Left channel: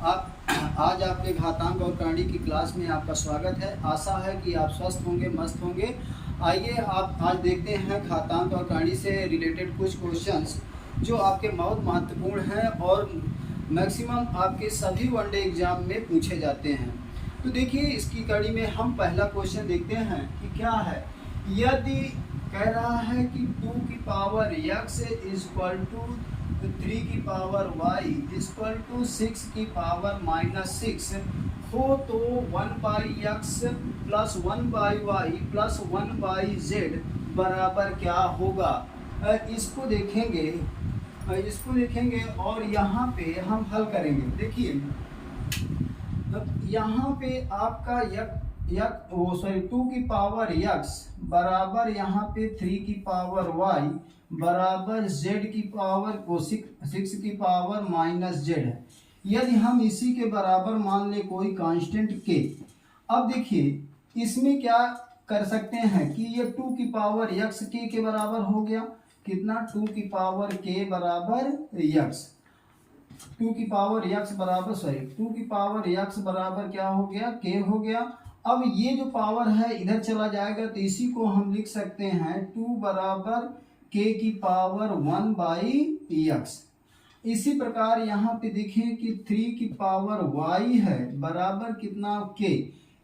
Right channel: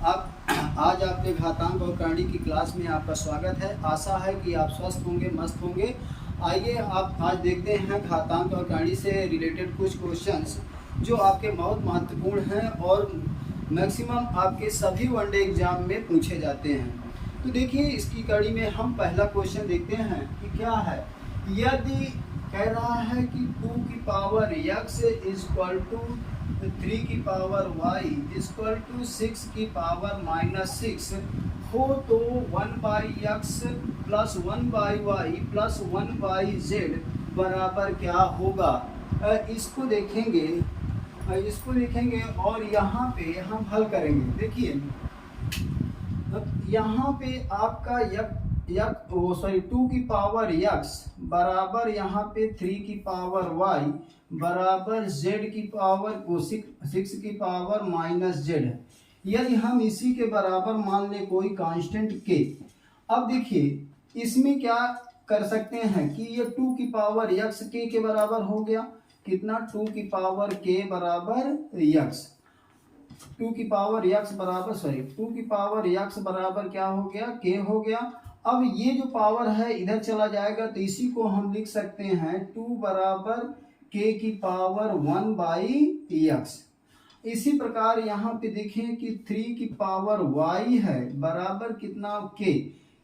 आप आज आपके घातांक और करणी की क्लास में आपका स्वागत है। आशा है कि आप स्वस्थ होंगे, मस्त होंगे। आइए आप आज देखते हैं घातांक और करणी से रिलेटेड कुछ क्वेश्चंस जो आपके बहुत महत्वपूर्ण हैं और मैक्सिमम आपके सभी वनडे एग्जाम में पूछे जाते हैं। तो देखिए इसकी कड़ी में हम पहला क्वेश्चन देखते हैं कि क्या है। यदि कह रहा है कि 2 की पावर x इक्वल टू 3 की पावर y इक्वल टू 6 की पावर -6 हो तो 1/x plus 1/y plus 1/z बराबर क्या होगा। इसको देखेंगे और यहाँ पे हम हल करेंगे। देखिए यहाँ पे आपका 2 की पावर x बराबर यहाँ पे 3 की पावर y बराबर z की पावर 6 की पावर -z है। यदि हम इसी के बराबर मान ले कोई कांस्टेंट k। अब देखिए इसमें क्या कर सकते हैं कि ये 2 की पावर x k के बराबर हो गया। कितना 2 की पावर k बराबर x 2 की पावर x बराबर क्या हो गया k हो गया। अब ये जो पावर है इधर चला जाएगा तो इसी को हम लिख सकते हैं 2 बराबर k की पावर 1/x। इसी प्रकार यहाँ पे देखें कि 3 की पावर y है बराबर कितना k,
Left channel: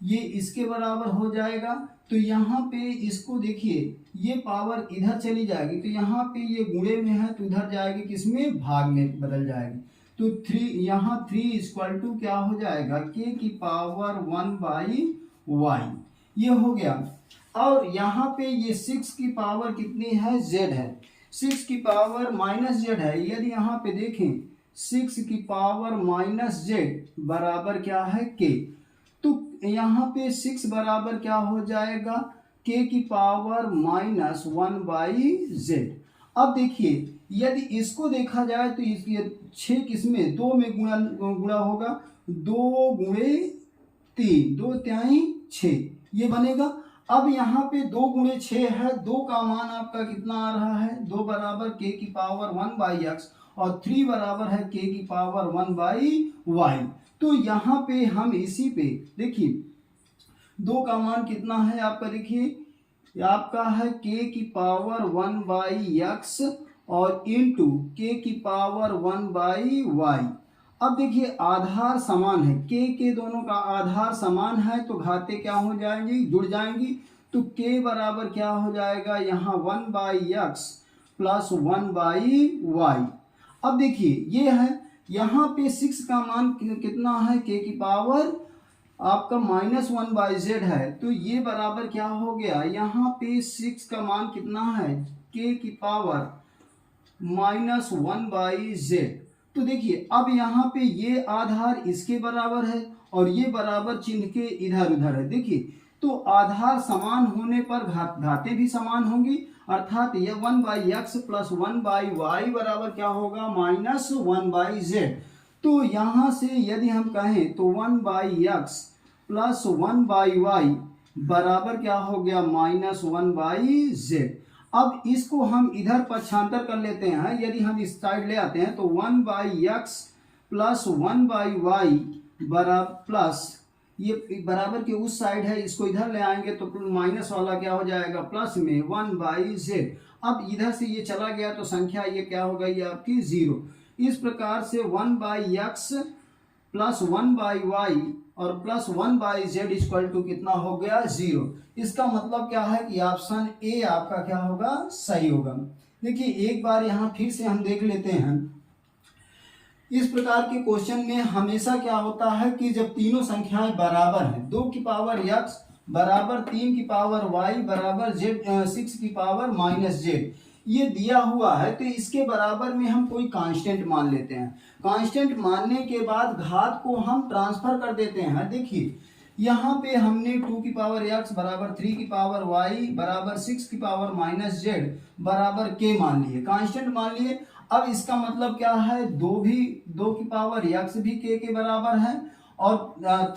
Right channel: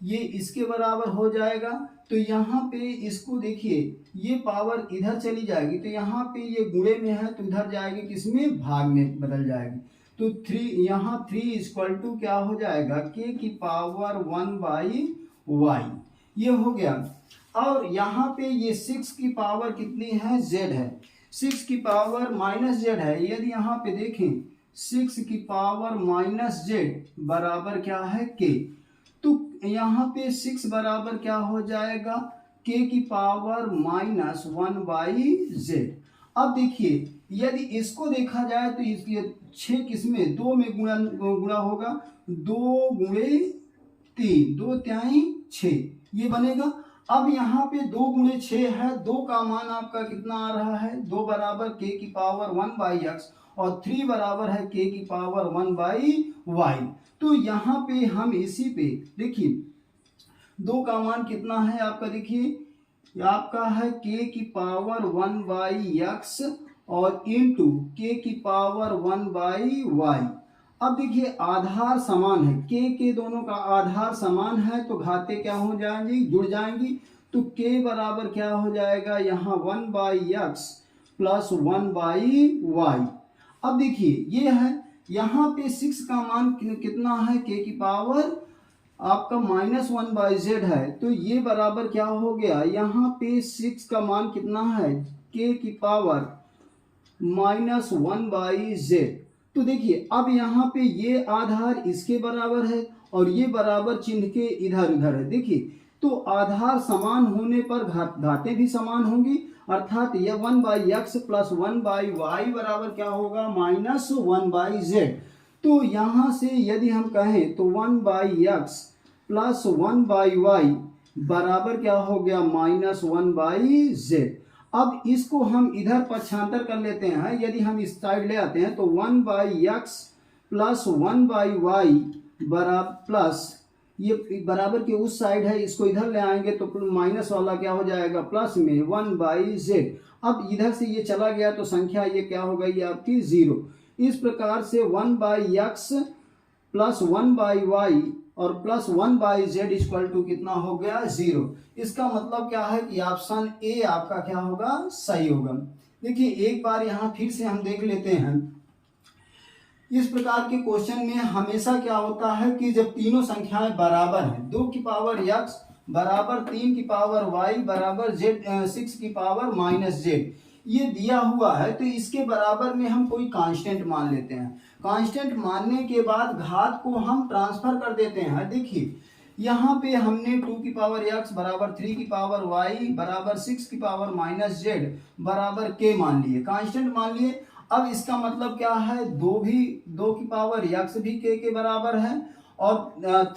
ये इसके बराबर हो जाएगा। तो यहाँ पे इसको देखिए ये पावर इधर चली जाएगी तो यहाँ पे ये गुणे में है तो इधर जाएगी किसमें, भाग में बदल जाएगी। तो 3 यहाँ 3 इक्वल टू क्या हो जाएगा k की पावर 1/y, ये हो गया। और यहाँ पे ये 6 की पावर कितनी है, z है। 6 की पावर -z है। यदि यहाँ पे देखें 6 की पावर -z बराबर क्या है k, तो यहाँ पे 6 बराबर क्या हो जाएगा k की पावर -1/z। अब देखिए यदि इसको देखा जाए तो ये 6 किसमें 2 में गुणा होगा, 2 गुणे 3 2 त्याई 6 ये बनेगा। अब यहाँ पे 2 गुणे 6 है, 2 का मान आपका कितना आ रहा है, 2 बराबर k की पावर 1/x और 3 बराबर है k की पावर 1/y। तो यहाँ पे हम इसी पे देखिए 2 का मान कितना है आपका, देखिए आपका है k की पावर 1/x और इंटू k की पावर 1/y। अब देखिए आधार समान है, के दोनों का आधार समान है तो घाते क्या हो जाएंगी, जुड़ जाएंगी। तो k बराबर क्या हो जाएगा यहाँ 1/x प्लस 1/y। अब देखिए ये है यहाँ पे 6 का मान कितना है, k की पावर आपका -1/z है तो ये बराबर क्या हो गया, यहाँ पे 6 का मान कितना है, k की पावर -1/z। तो देखिए अब यहाँ पे ये आधार इसके बराबर है और ये बराबर चिन्ह के इधर उधर है। देखिए तो आधार समान होने पर घातें भी समान होंगी, अर्थात ये 1/x प्लस 1/y बराबर क्या होगा, -1/z। तो यहाँ से यदि हम कहें तो 1/x प्लस 1/y बराबर क्या हो गया, -1/z। अब इसको हम इधर पक्षांतर कर लेते हैं। यदि हम इस साइड ले आते हैं तो 1/x प्लस 1/y बराबर प्लस ये बराबर के उस साइड है, इसको इधर ले आएंगे तो माइनस वाला क्या हो जाएगा, प्लस में 1/z। अब इधर से ये चला गया तो संख्या ये क्या हो गई आपकी 0। इस प्रकार से 1/x प्लस 1/y और प्लस 1/z इक्वल टू कितना हो गया, 0। इसका मतलब क्या है कि ऑप्शन ए आपका क्या होगा, सही होगा। देखिए एक बार यहाँ फिर से हम देख लेते हैं। इस प्रकार के क्वेश्चन में हमेशा क्या होता है कि जब तीनों संख्याएं बराबर हैं, 2 की पावर x बराबर 3 की पावर y बराबर z 6 की पावर -z ये दिया हुआ है तो इसके बराबर में हम कोई कांस्टेंट मान लेते हैं। कांस्टेंट मानने के बाद घात को हम ट्रांसफर कर देते हैं। देखिए यहाँ पे हमने 2 की पावर x बराबर 3 की पावर y बराबर 6 की पावर -z बराबर k मान लिए, कांस्टेंट मान लिए। अब इसका मतलब क्या है, 2 की पावर x भी k के बराबर है और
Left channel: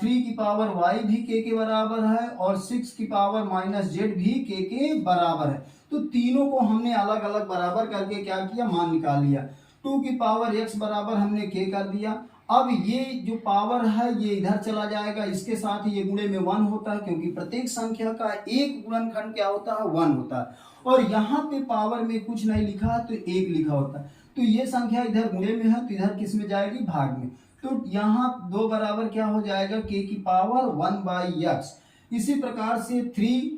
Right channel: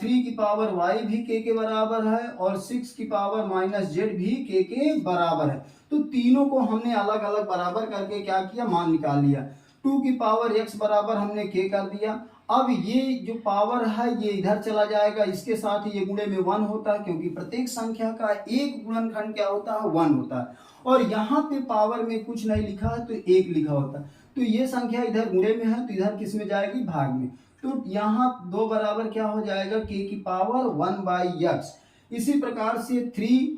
3 की पावर y भी k के बराबर है और 6 की पावर -z भी k के बराबर है। तो तीनों को हमने अलग अलग बराबर करके क्या किया, मान निकाल लिया। 2 की पावर x बराबर हमने k कर दिया अब ये जो पावर है ये इधर चला जाएगा, इसके साथ ये गुणे में 1 होता है, क्योंकि प्रत्येक संख्या का एक गुणनखंड क्या होता है, 1 होता है। और यहाँ पे पावर में कुछ नहीं लिखा है तो 1 लिखा होता है। तो ये संख्या इधर गुणे में है तो इधर किस में जाएगी, भाग में। तो यहाँ 2 बराबर क्या हो जाएगा, k की पावर 1/x। इसी प्रकार से 3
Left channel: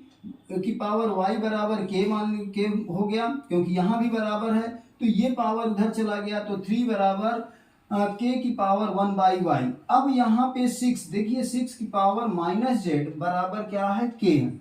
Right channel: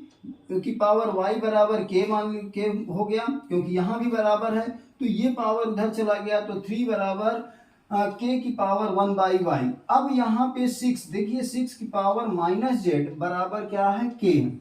की पावर y बराबर k मान के हो गया, क्योंकि यहाँ भी बराबर है तो ये पावर उधर चला गया, तो 3 बराबर k की पावर 1/y। अब यहाँ पे 6 देखिए, 6 की पावर -z बराबर क्या है, k।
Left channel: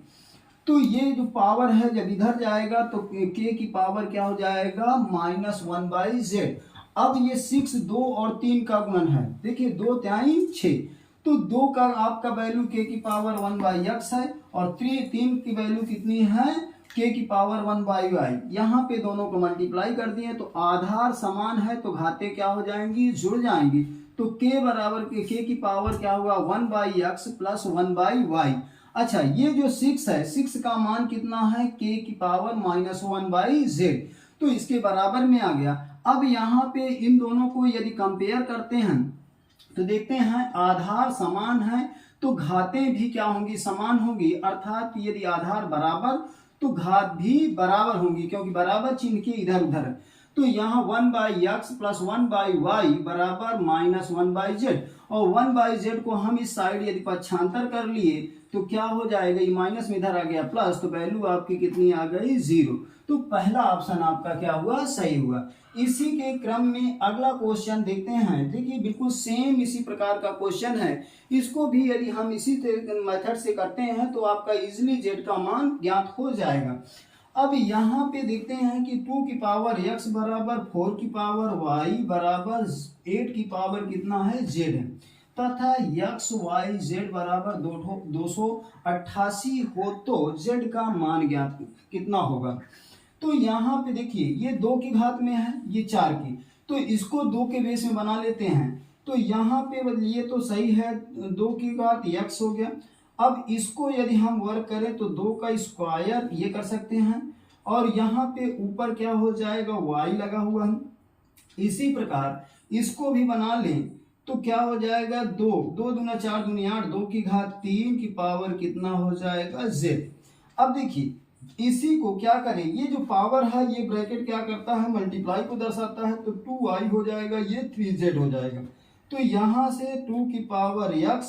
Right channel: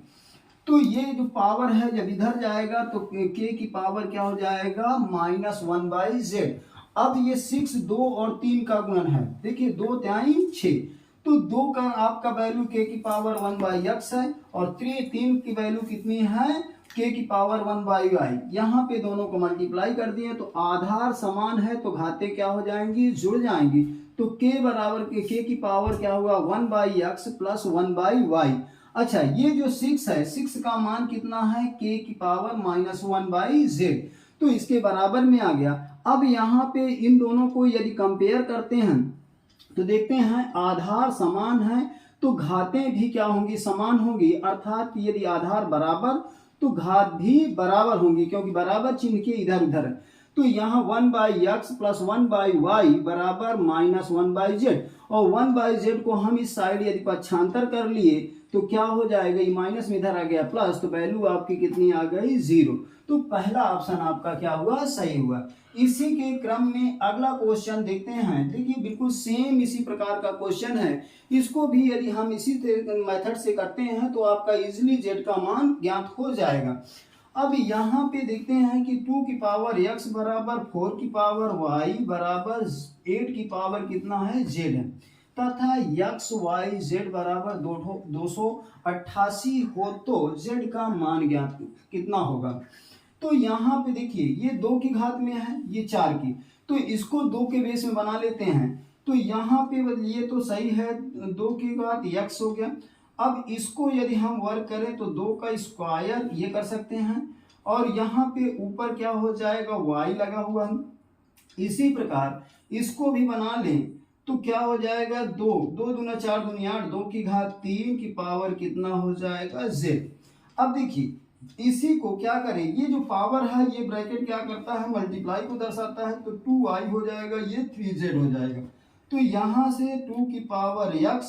तो ये जो पावर है जब इधर जाएगा तो k की पावर क्या हो जाएगा, -1/z। अब ये 6 2 और 3 का गुणन है, देखिए 2 3 6, तो 2 का आपका वैल्यू k की पावर 1/x है, और 3 की वैल्यू कितनी है, k की पावर 1/y। यहाँ पे दोनों को मल्टीप्लाई कर दिए तो आधार समान है तो घाते क्या हो जाएंगी, जुड़ जाएंगी। तो k बराबर k की पावर क्या होगा, 1/x प्लस 1/y। अच्छा, ये जो 6 है, 6 का मान कितना है, k की पावर -1/z, तो इसके बराबर में आ गया। अब यहाँ पे इन दोनों को यदि कंपेयर करते हैं तो देखते हैं आधार समान है तो घातें भी क्या होंगी, समान होंगी। अर्थात यदि आधार बराबर तो घात भी बराबर होंगी, क्योंकि बराबर चिन्ह के इधर उधर है। तो यहाँ 1/x प्लस 1/y बराबर -1/z, और 1/z को हम इस साइड यदि पक्षांतर कर लिए तो क्या हो जाएगा, ये माइनस में इधर आ गया प्लस, तो वैल्यू आपकी कितनी आ गई, 0। तो पहला ऑप्शन आपका क्या हुआ, सही हुआ। इसी के क्रम में अगला क्वेश्चन देखते हैं। देखिए बिल्कुल सेम इसी प्रकार का क्वेश्चन है, इसको भी यदि हम इसी मेथड से करते हैं तो आपका इजिली z का मान ज्ञात हो जाएगा। अब यहाँ पे देखते हैं कि 2 की पावर x बराबर 4 की पावर y बराबर 8 की पावर कितना है, z है, तथा x y z बराबर 288 हो तो z का मान ज्ञात कितना होगा। तो यहाँ पे देखिए ये 2 की घात में है, ये 4 की, तो इसको 2 के बेस में बना लेते हैं। तो यहाँ पे ये तो सही है, 2 की घात x हो गया। अब इसको यदि हम वर्क करें तो 2 का स्क्वायर ये कर सकते हैं, और यहाँ पे ऊपर क्या हो जाएगा, y लगा हुआ है। इसी प्रकार इसको भी बना लें तो क्या हो जाएगा, 2 2 दूना 4 दूनी 8, 2 की घात 3 की पावर कितना हो जाएगा, z। अब देखिए इसी को क्या करें, ये जो पावर है ये ब्रैकेट क्या करता है, मल्टीप्लाई को दर्शाता है, तो 2y हो जाएगा, ये 3z हो जाएगा। तो यहाँ से 2 की पावर x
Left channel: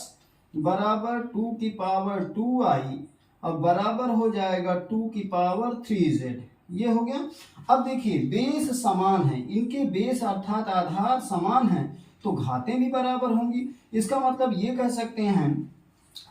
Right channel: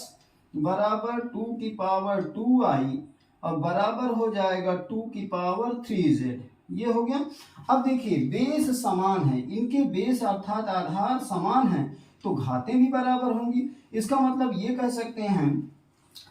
बराबर 2 की पावर 2i और बराबर हो जाएगा 2 की पावर 3z, ये हो गया। अब देखिए बेस समान है, इनके बेस अर्थात आधार समान है तो घातें भी बराबर होंगी। इसका मतलब ये कह सकते हैं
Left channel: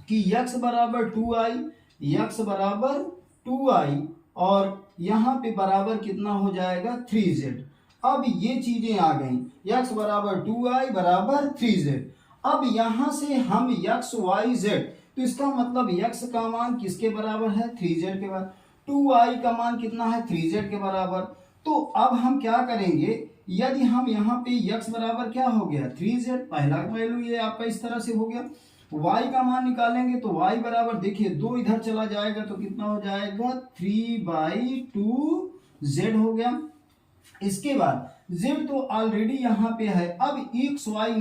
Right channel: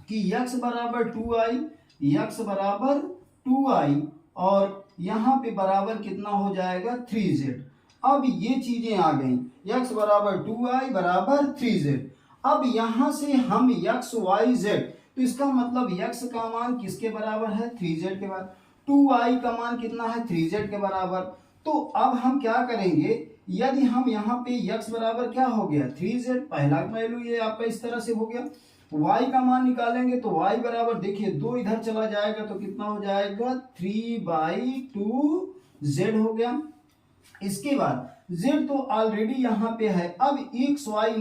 कि x बराबर 2i, x बराबर 2i, और यहाँ पे बराबर कितना हो जाएगा, 3z। अब ये चीजें आ गई, x बराबर 2i बराबर 3z। अब यहाँ से हम x y z, तो इसका मतलब x का मान किसके बराबर है, 3z के बराबर, 2i का मान कितना है, 3z के बराबर। तो अब हम क्या करेंगे, यदि हम यहाँ पे x बराबर क्या हो गया, 3z, पहला वैल्यू ये आपका इस तरह से हो गया। y का मान निकालेंगे तो y बराबर देखिए 2 इधर चला जाएगा तो कितना हो जाएगा, 3/2z हो गया। इसके बाद z तो ऑलरेडी यहाँ पे है, अब x y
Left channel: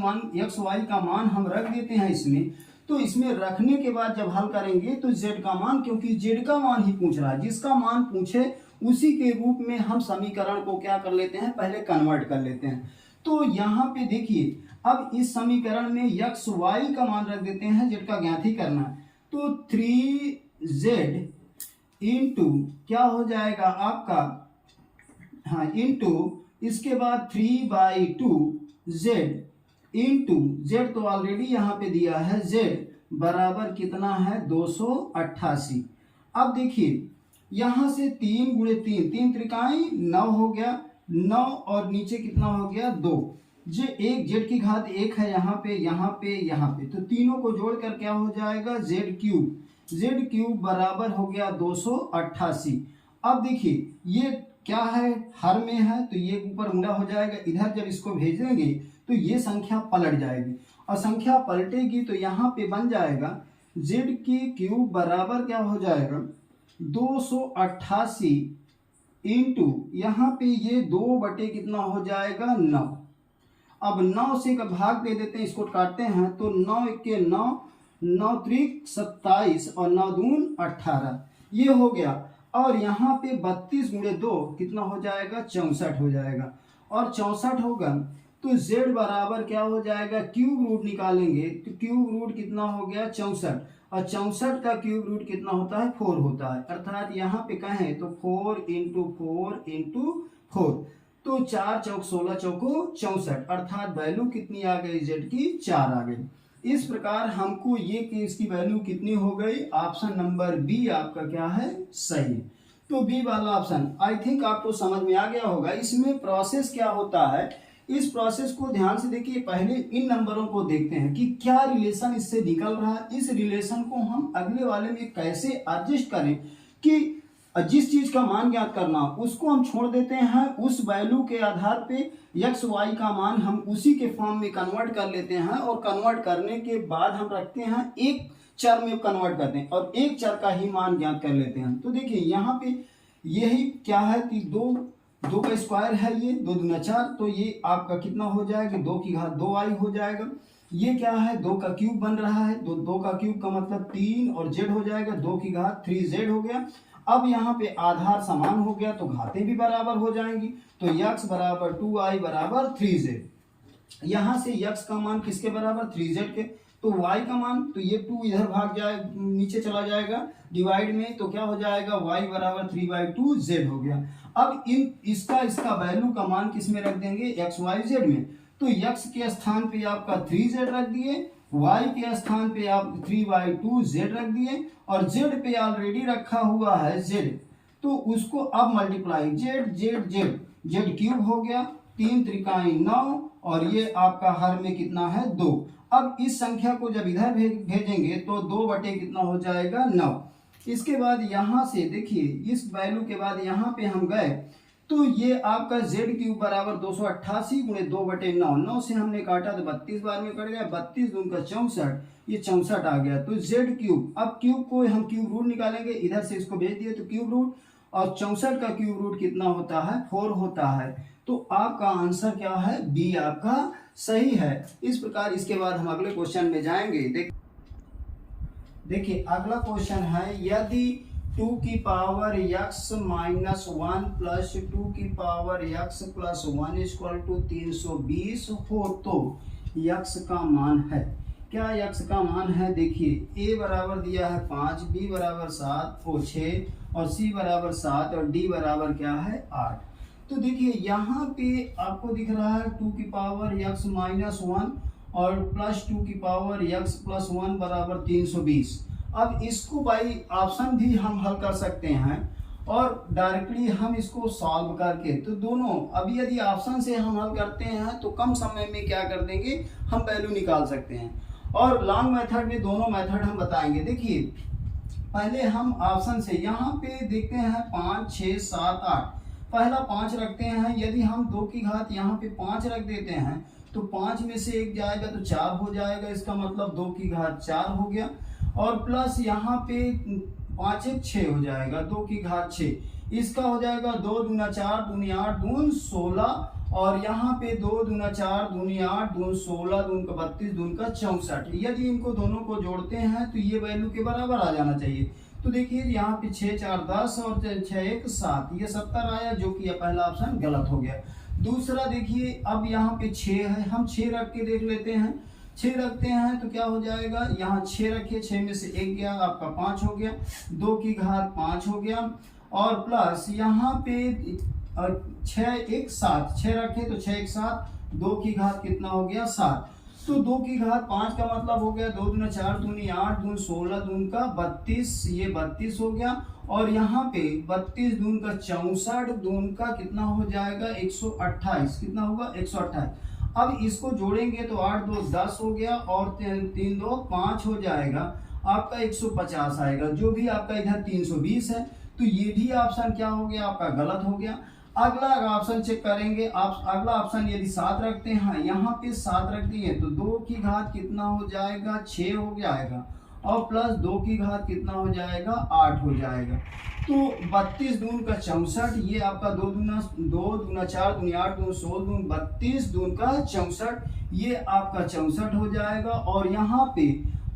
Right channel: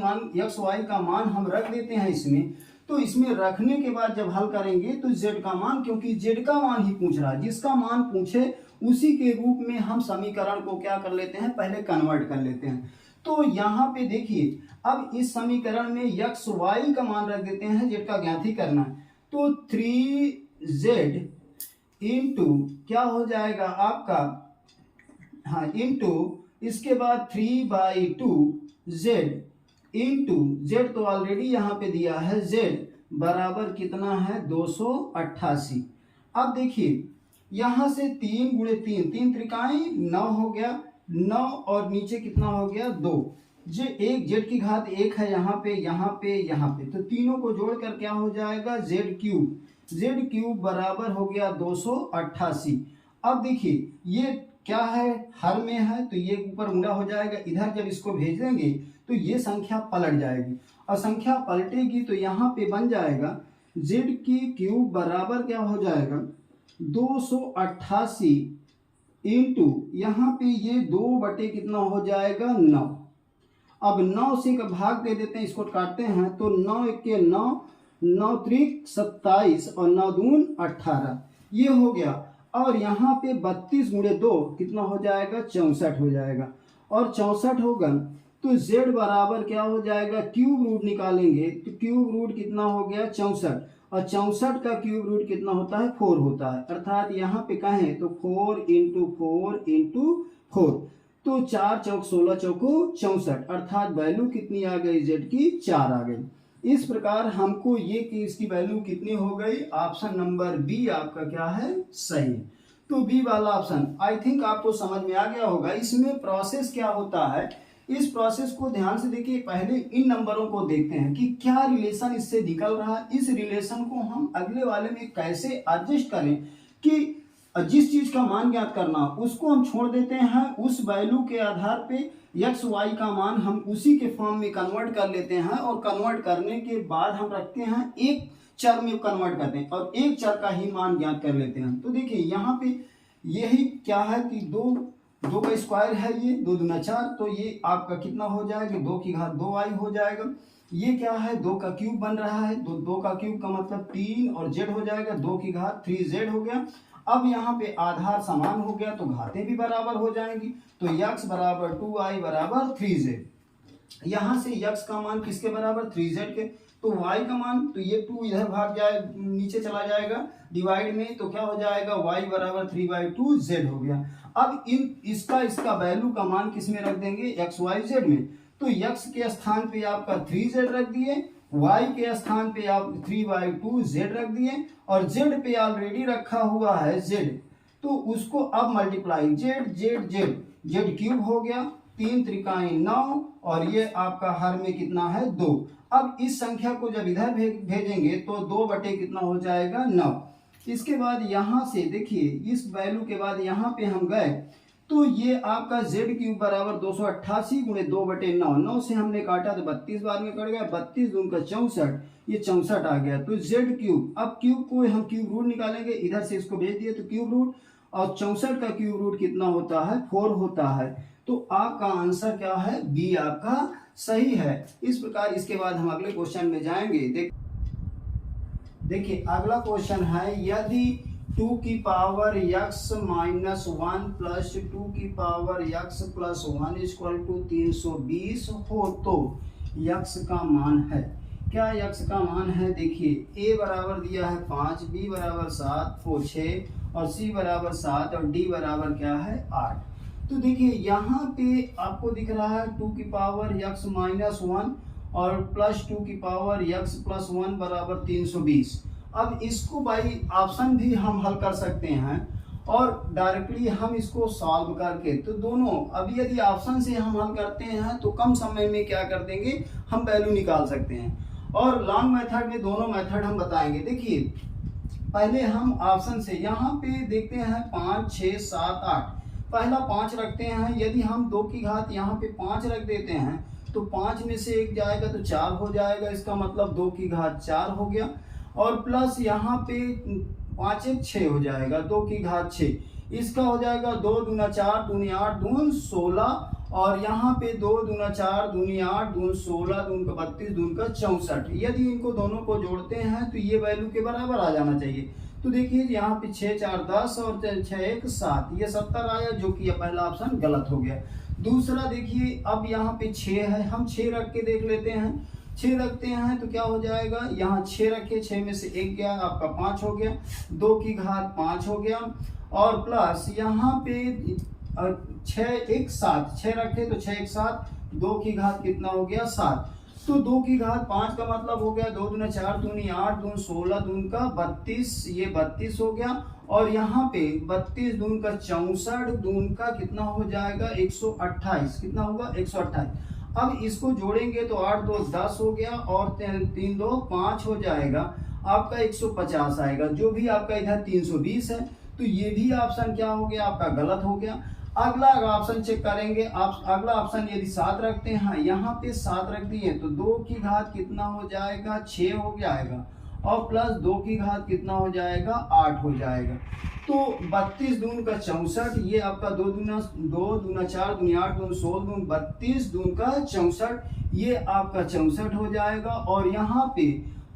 का मान हम रख देते हैं इसमें। तो इसमें रखने के बाद जब हल करेंगे तो z का मान, क्योंकि z का मान ही पूछ रहा है, जिसका मान पूछे उसी के रूप में हम समीकरण को क्या कर लेते हैं, पहले कन्वर्ट कर लेते हैं। तो यहाँ पे देखिए अब इस समीकरण में x y का मान रख देते हैं, z का ज्ञात ही करना है। तो 3z इंटू क्या हो जाएगा आपका, हाँ इंटू इसके बाद 3/2z इंटू z तो ऑलरेडी यहाँ पे दिया है, z बराबर कितना है, 288। अब देखिए यहाँ से 3 गुणे 3, 3 त्रिकाएं 9 हो गया, 9 और नीचे कितना हो गया, 2, जो एक z की घात 1 है यहाँ पे, यहाँ पे, यहाँ पे, तो तीनों को जोड़कर क्या हो जाएगा, z क्यूब बराबर हो गया 288। अब देखिए ये क्या है, हर में है तो ये ऊपर मुड़ा हो जाएगा, इधर जब इसको भेज देंगे तो ये संख्या पलट जाएगी, और संख्या पलटेगी तो यहाँ पे बन जाएगा z की क्यूब बराबर क्या हो जाएगा, 288 इंटू यहाँ पे ये 2 बटे कितना हो जाएगा, 9, अब 9 से का भाग दे देते हैं, इसको काटते हैं तो 9 के 9, 9 त्रिक 27 और 9 दून 18, ये हो गया। और यहाँ पे 32 गुणे 2 कितना हो जाएगा, 64 हो जाएगा। और 64 होगा तो z बराबर क्या हो जाएगा, क्यूब रूट निकालेंगे तो क्यूब रूट कितना हो गया 64, और 64 का क्यूब रूट कितना होता है 4 होता है। अर्थात यहाँ पे कहें तो 4 × 4 × 4, तो 4 चौक 16 चौको 64, अर्थात वैल्यू कितनी आ गई z की 4 आ गई। इस प्रकार हमको ये कि इसकी वैल्यू कितनी हो गई, ऑप्शन नंबर बी आपका क्या है, सही है। तो बी वाला ऑप्शन आई थिंक आपको समझ में आ गया होगा। इसमें प्रोसेस क्या होता है, इस प्रोसेस को ध्यान से देखिए। पहले इन नंबरों को देखते हैं कि क्या रिलेशन इससे निकल रहा है, इस रिलेशन को हम अगले वाले में कैसे एडजस्ट करें कि जिस चीज का मान ज्ञात करना उसको हम छोड़ देते हैं, उस वैल्यू के आधार पे एक्स वाई का मान हम उसी के फॉर्म में कन्वर्ट कर लेते हैं, और कन्वर्ट करने के बाद हम रखते हैं एक चर में कन्वर्ट करते हैं और एक चर का ही मान ज्ञात कर लेते हैं। तो देखिए यहाँ पे यही क्या है कि 2 का स्क्वायर है, ये 2 दूना 4, तो ये आपका कितना हो जाएगा, 2 की घात 2i हो जाएगा। ये क्या है, 2 का क्यूब बन रहा है, 2 का क्यूब का मतलब 3 और z हो जाएगा, 2 की घात 3z हो गया। अब यहाँ पे आधार समान हो गया तो घातें भी बराबर हो जाएंगी, तो x बराबर 2i बराबर 3z। यहाँ से x का मान किसके बराबर, 3z के, तो y का मान, तो ये 2 इधर भाग जाए नीचे चला जाएगा डिवाइड में, तो क्या हो जाएगा y बराबर 3/2z हो गया। अब इसका वैल्यू का मान किस में रख देंगे, x y z में, तो x के स्थान पे आपका 3z रख दिए, y के स्थान पे आप 3/2z रख दिए, और z पे ऑलरेडी रखा हुआ है z, तो उसको अब मल्टीप्लाई z क्यूब हो गया, 3 त्रिकाई 9, और ये आपका हर में कितना है 2। अब इस संख्या को जब इधर भेजेंगे तो 2 बटे कितना हो जाएगा 9। इसके बाद यहाँ से देखिए इस वैल्यू के बाद यहाँ पे हम गए तो ये आपका z क्यूब बराबर 288 गुणे 2 बटे 9, 9 से हमने काटा तो 32 बार में कट गया, 32 दून का 64, ये 64 आ गया। तो z क्यूब, अब क्यूब को हम क्यूब रूट निकालेंगे, इधर से इसको भेज दिए तो क्यूब रूट, और 64 का क्यूब रूट कितना होता है 4 होता है। तो आपका आंसर क्या है, बी आपका सही है। इस प्रकार इसके बाद हम अगले क्वेश्चन में जाएंगे। देखिए अगला क्वेश्चन है, यदि 2 की पावर x माइनस 1 प्लस 2 की power x plus 1 equal to 320 हो तो x का मान है, क्या x का मान है। देखिए a बराबर दिया है 5, b बराबर 7, o 6 और c बराबर 7 और d बराबर क्या है 8। तो देखिए यहाँ पे आपको दिख रहा है 2 की पावर x माइनस 1 और प्लस 2 की पावर x प्लस 1 बराबर 320। अब इसको बाई ऑप्शन भी हम हल कर सकते हैं और डायरेक्टली हम इसको सॉल्व करके, तो दोनों अभी यदि ऑप्शन से हम हल करते हैं तो कम समय में क्या कर देंगे, हम वैल्यू निकाल सकते हैं, और लॉन्ग मेथड में दोनों मेथड हम बताएंगे। देखिए पहले हम ऑप्शन से यहाँ पे देखते हैं 5, 6, 7, 8, पहला 5 रखते हैं। यदि हम 2 की घात यहाँ पे 5 रख देते हैं तो 5 में से 1 जाएगा तो 4 हो जाएगा, इसका मतलब 2 की घात 4 हो गया, और प्लस यहाँ पे 5 1 6 हो जाएगा, 2 की घात 6, इसका हो जाएगा 2 दूना 4 दूनी 8 दून 16, और यहाँ पे 2 दूना 4 दूनी 8 दून 16 दून का 32 दून का 64। यदि इनको दोनों को जोड़ते हैं तो ये वैल्यू के बराबर आ जाना चाहिए। तो देखिए यहाँ पे 6 4 10 और 6 1 7, ये 70 आया, जो कि पहला ऑप्शन गलत हो गया। दूसरा देखिए अब यहाँ पे 6 है, हम 6 रख के देख लेते हैं। 6 रखते हैं तो क्या हो जाएगा, यहाँ 6 रखे, 6 में से 1 गया, आपका 5 हो गया, 2 की घात 5 हो गया, और प्लस यहाँ पे 6 1 7, 6 रखे तो 6 1 7, 2 की घात कितना हो गया 7, तो 2 की घात 5 का मतलब हो गया 2 दूना 4 दूनी 8 दून 16 दून का 32, ये 32 हो गया, और यहाँ पे 32 दून का 64 दून का कितना हो जाएगा 128, कितना होगा 128। अब इसको जोड़ेंगे तो 8 2 10 हो गया, और 3 2 5 हो जाएगा, आपका 150 आएगा, जो भी आपका इधर 320 है, तो ये भी ऑप्शन क्या हो गया आपका गलत हो गया। अगला ऑप्शन चेक करेंगे, आप अगला ऑप्शन यदि 7 रखते हैं, यहाँ पे 7 रख दिए तो 2 की घात कितना हो जाएगा 6 हो जाएगा, और प्लस 2 की घात कितना हो जाएगा 8 हो जाएगा। तो 32 दून का 64, ये आपका 2 दूना 4 दूनी 8 दून 16 दून 32 दून का 64, ये आपका 64 हो जाएगा। और यहाँ पे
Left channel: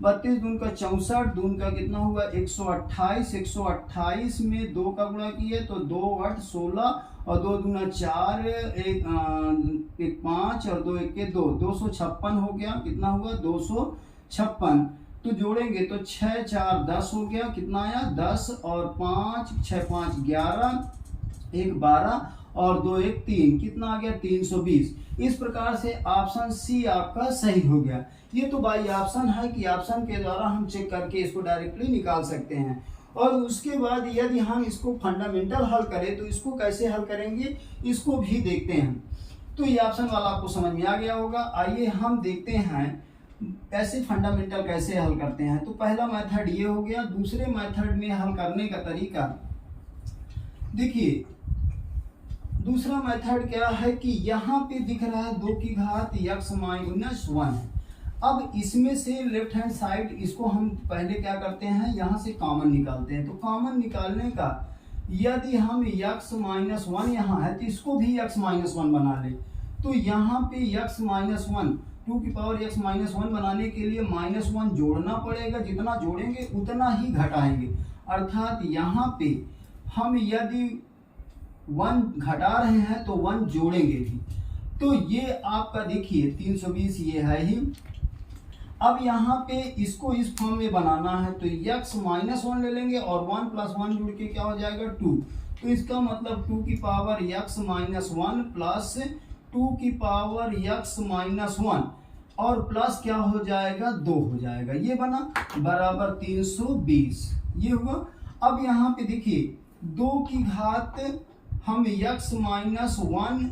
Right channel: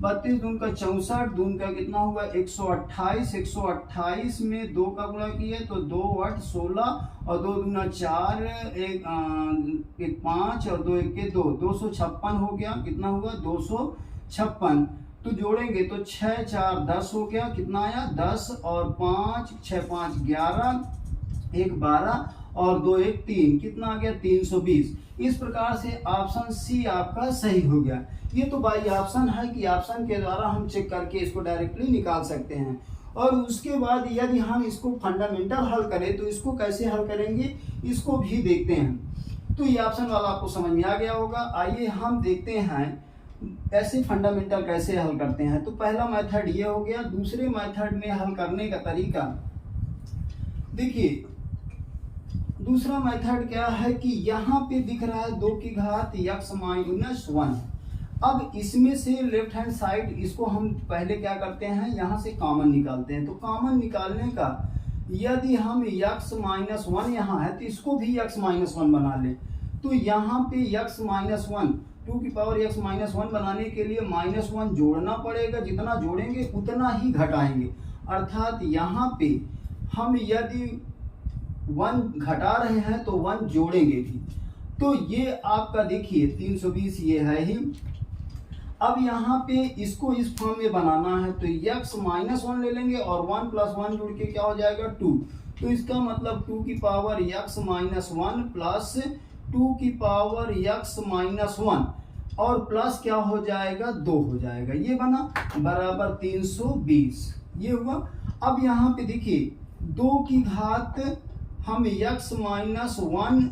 32 दून का 64 दून का कितना हुआ 128, 128 में 2 का गुणा किए तो 2 8 16 और 2 दूना 4 एक 5 और 2 1 2 256 हो गया। कितना हुआ 256। तो जोड़ेंगे तो 6 4 10 हो गया। कितना आया 10 और 5 6 5 11 1 12 और 2 1 3, कितना आ गया 320। इस प्रकार से ऑप्शन सी आपका सही हो गया। ये तो बाई ऑप्शन है कि ऑप्शन के द्वारा हम चेक करके इसको डायरेक्टली निकाल सकते हैं। और उसके बाद यदि हम इसको फंडामेंटल हल करें तो इसको कैसे हल करेंगे इसको भी देखते हैं। तो ये ऑप्शन वाला आपको समझ में आ गया होगा। आइए हम देखते हैं ऐसे फंडामेंटल कैसे हल करते हैं। तो पहला मेथड ये हो गया। दूसरे मेथड में हल करने का तरीका देखिए, दूसरा मेथड क्या है कि यहाँ पे दिख रहा है 2 की घात x माइनस 1। अब इसमें से लेफ्ट हैंड साइड इसको हम पहले क्या करते हैं, यहाँ से कॉमन निकालते हैं। तो कॉमन निकालने का यदि हम x माइनस 1 यहाँ है तो इसको भी x माइनस 1 बना ले। तो यहाँ पे x माइनस 1 2 की पावर x माइनस 1 बनाने के लिए माइनस 1 जोड़ना पड़ेगा। जितना जोड़ेंगे उतना ही घटाएंगे। अर्थात यहाँ पे हम यदि 1 घटा रहे हैं तो 1 जोड़ेंगे भी। तो ये आपका देखिए 320 ये है ही। अब यहाँ पे इसको इस फॉर्म में बनाना है तो x माइनस 1 ले लेंगे और 1 प्लस 1 जुड़ के क्या हो जाएगा 2। तो इसका मतलब 2 की पावर x माइनस 1 प्लस 2 की पावर x माइनस 1 और प्लस क्या हो जाएगा 2 हो जाएगा। ये बना बराबर 320 ये हुआ। अब यहाँ पे देखिए 2 की घात हम x माइनस 1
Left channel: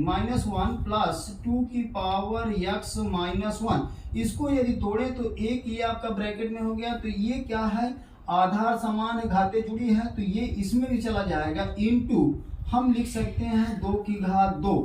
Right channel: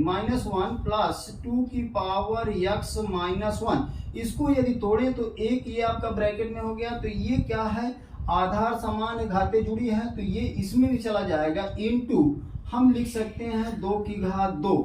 माइनस 1 प्लस 2 की पावर x माइनस 1, इसको यदि तोड़े तो एक ये आपका ब्रैकेट में हो गया। तो ये क्या है आधार समान घातें जुड़ी है तो ये इसमें भी चला जाएगा। इनटू हम लिख सकते हैं 2 की घात 2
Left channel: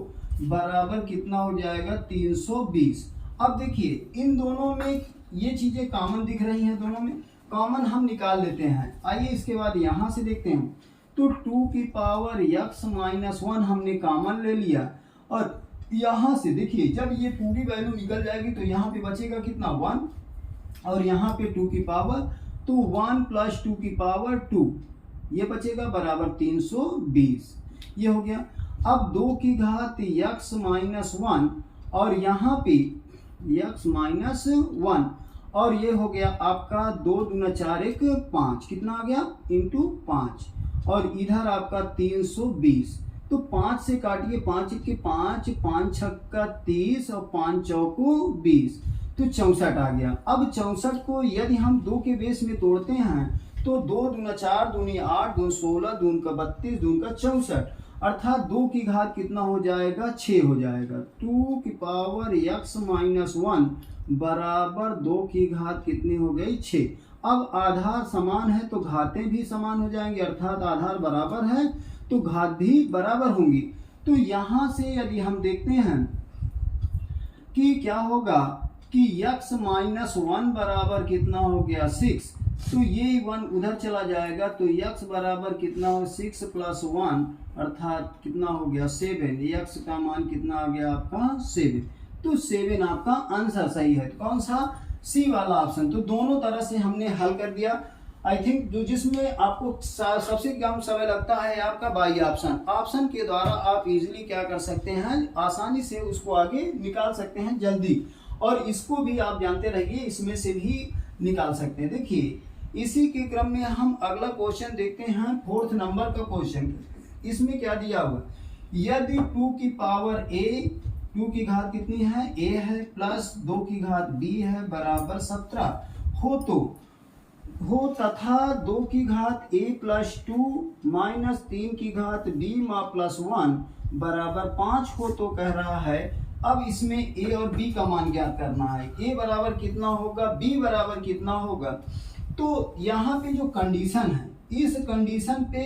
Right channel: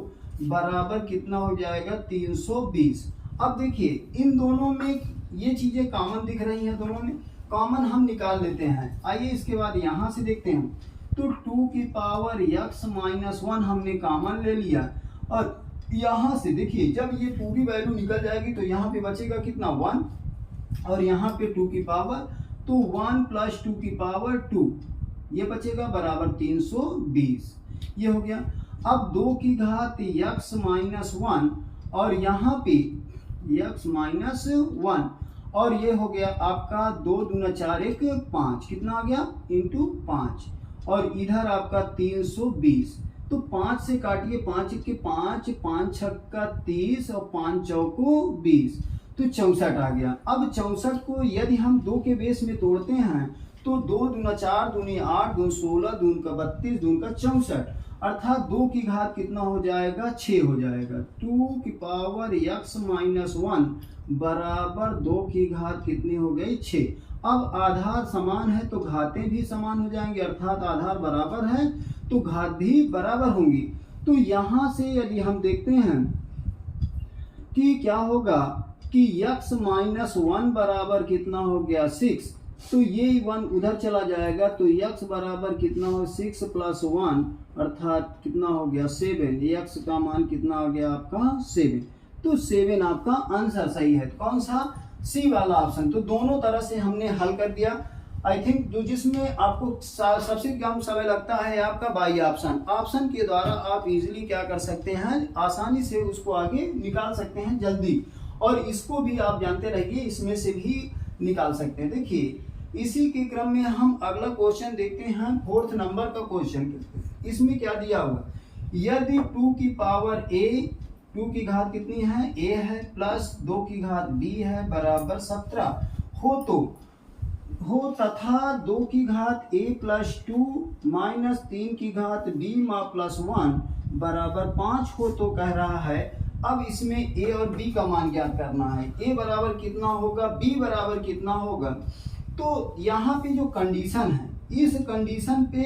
बराबर कितना हो जाएगा 320। अब देखिए इन दोनों में ये चीजें कॉमन दिख रही हैं, दोनों में कॉमन हम निकाल लेते हैं। आइए इसके बाद यहाँ से देखते हैं। तो 2 की पावर x माइनस 1 हमने कॉमन ले लिया और यहाँ से देखिए जब ये पूरी वैल्यू निकल जाएगी तो यहाँ पे बचेगा कितना 1 और यहाँ पे 2 की पावर तो 1 प्लस 2 की पावर 2 ये बचेगा बराबर 320 ये हो गया। अब 2 की घात x माइनस 1 और यहाँ पे x माइनस 1 और ये हो गया आपका 2 दूना 4 1 5, कितना आ गया इंटू 5 और इधर आपका 320। तो 5 से काटिए 5 के 5 5 छक्का 30 और 5 चौको 20 तो 64 आ गया। अब 64 को यदि हम 2 के बेस में तोड़ते हैं तो 2 दूना 4 दूनी 8 दून 16 दून का 32 दून का 64 अर्थात 2 की घात कितना हो जाएगा 6 हो जाएगा। 2 की पावर x माइनस 1 बराबर 2 की घात कितनी हो गई 6। अब आधार समान है तो घातें भी समान हो जाएंगे अर्थात आधार बराबर है तो घात भी बराबर होंगी। तो यहाँ से यदि हम देखते हैं कि क्या होगा कि x माइनस 1 बराबर कितना हो गया 6 तो ये 1 उधर चला जाएगा तो x बराबर कितना हो 6 प्लस 1 अर्थात कितना हो गया 7। x का मान कितना आ गया आपका 7। तो 7 आपका आंसर सही है। तो कौन सा सी वाला ऑप्शन। तो दोनों तरह से हमने हल कर दिया। आई थिंक जो जिसमें आपको सबसे कम समय लगता है आपका बाई ऑप्शन। ऑप्शन के द्वारा आप इजीली क्या कर सकते हैं आसानी से उसको आगे निकाल सकते हैं जल्दी। और इसको भी आप जानते रहिए इसमें से भी निकाल सकते हैं। देखिए इसी के क्रम में हम अगला क्वेश्चन देखते हैं 4th नंबर का क्वेश्चन। इसमें क्या दिया हुआ यदि 2 की पावर a 2 की घात कितनी है a है प्लस 2 की घात b है बराबर 17 हो तथा 2 की घात a प्लस 2 माइनस 3 की घात b मा प्लस 1 बराबर 5 हो तो कह रहा है अब इसमें a और b का मान ज्ञात करना है। a बराबर कितना होगा b बराबर कितना होगा। तो यहाँ पे जो कंडीशन है इस कंडीशन पे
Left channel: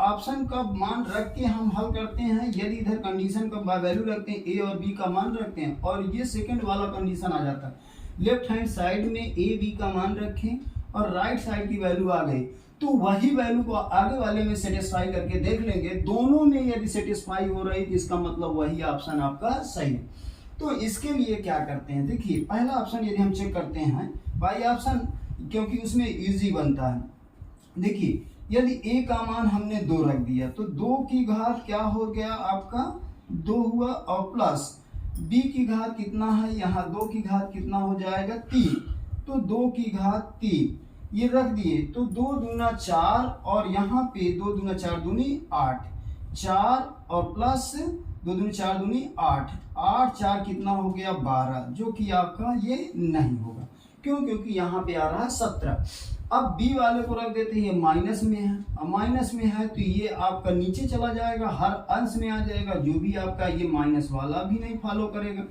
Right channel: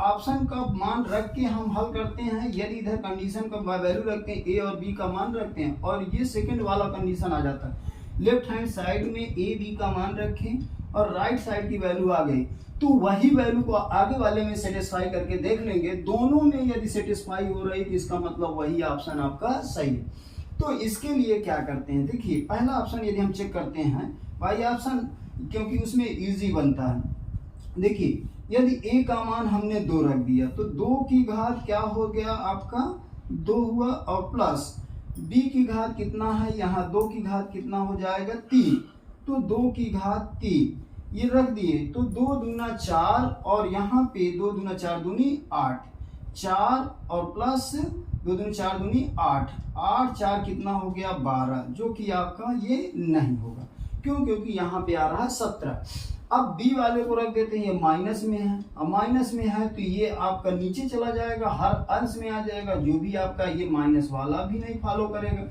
ऑप्शन का मान रख के हम हल करते हैं। यदि इधर कंडीशन का वैल्यू रखते हैं a और b का मान रखते हैं और ये सेकंड वाला कंडीशन आ जाता है लेफ्ट हैंड साइड में ए बी का मान रखें और राइट साइड की वैल्यू आ गई, तो वही वैल्यू को आगे वाले में सेटिस्फाई करके देख लेंगे, दोनों में यदि सेटिस्फाई हो रही तो इसका मतलब वही ऑप्शन आपका सही है। तो इसके लिए क्या करते हैं, देखिए पहला ऑप्शन यदि हम चेक करते हैं बाई ऑप्शन, क्योंकि उसमें इजी बनता है। देखिए यदि a का मान हमने 2 रख दिया तो 2 की घात क्या हो गया आपका 2 हुआ, और प्लस b की घात कितना है, यहाँ 2 की घात कितना हो जाएगा 3, तो 2 की घात 3 ये रख दिए, तो 2 दूना 4 और यहाँ पे 2 दूना 4 दूनी 8, 4 और प्लस 2 दूनी 4 दूनी 8, 8 4 कितना हो गया 12, जो कि आपका ये नहीं होगा। क्यों? क्योंकि यहाँ पे आ रहा है 17। अब बी वाले को रख देते हैं, ये माइनस में है, अब माइनस में है तो ये आपका नीचे चला जाएगा, हर अंश में आ जाएगा, जो भी आपका ये माइनस वाला भी नहीं फॉलो करेगा।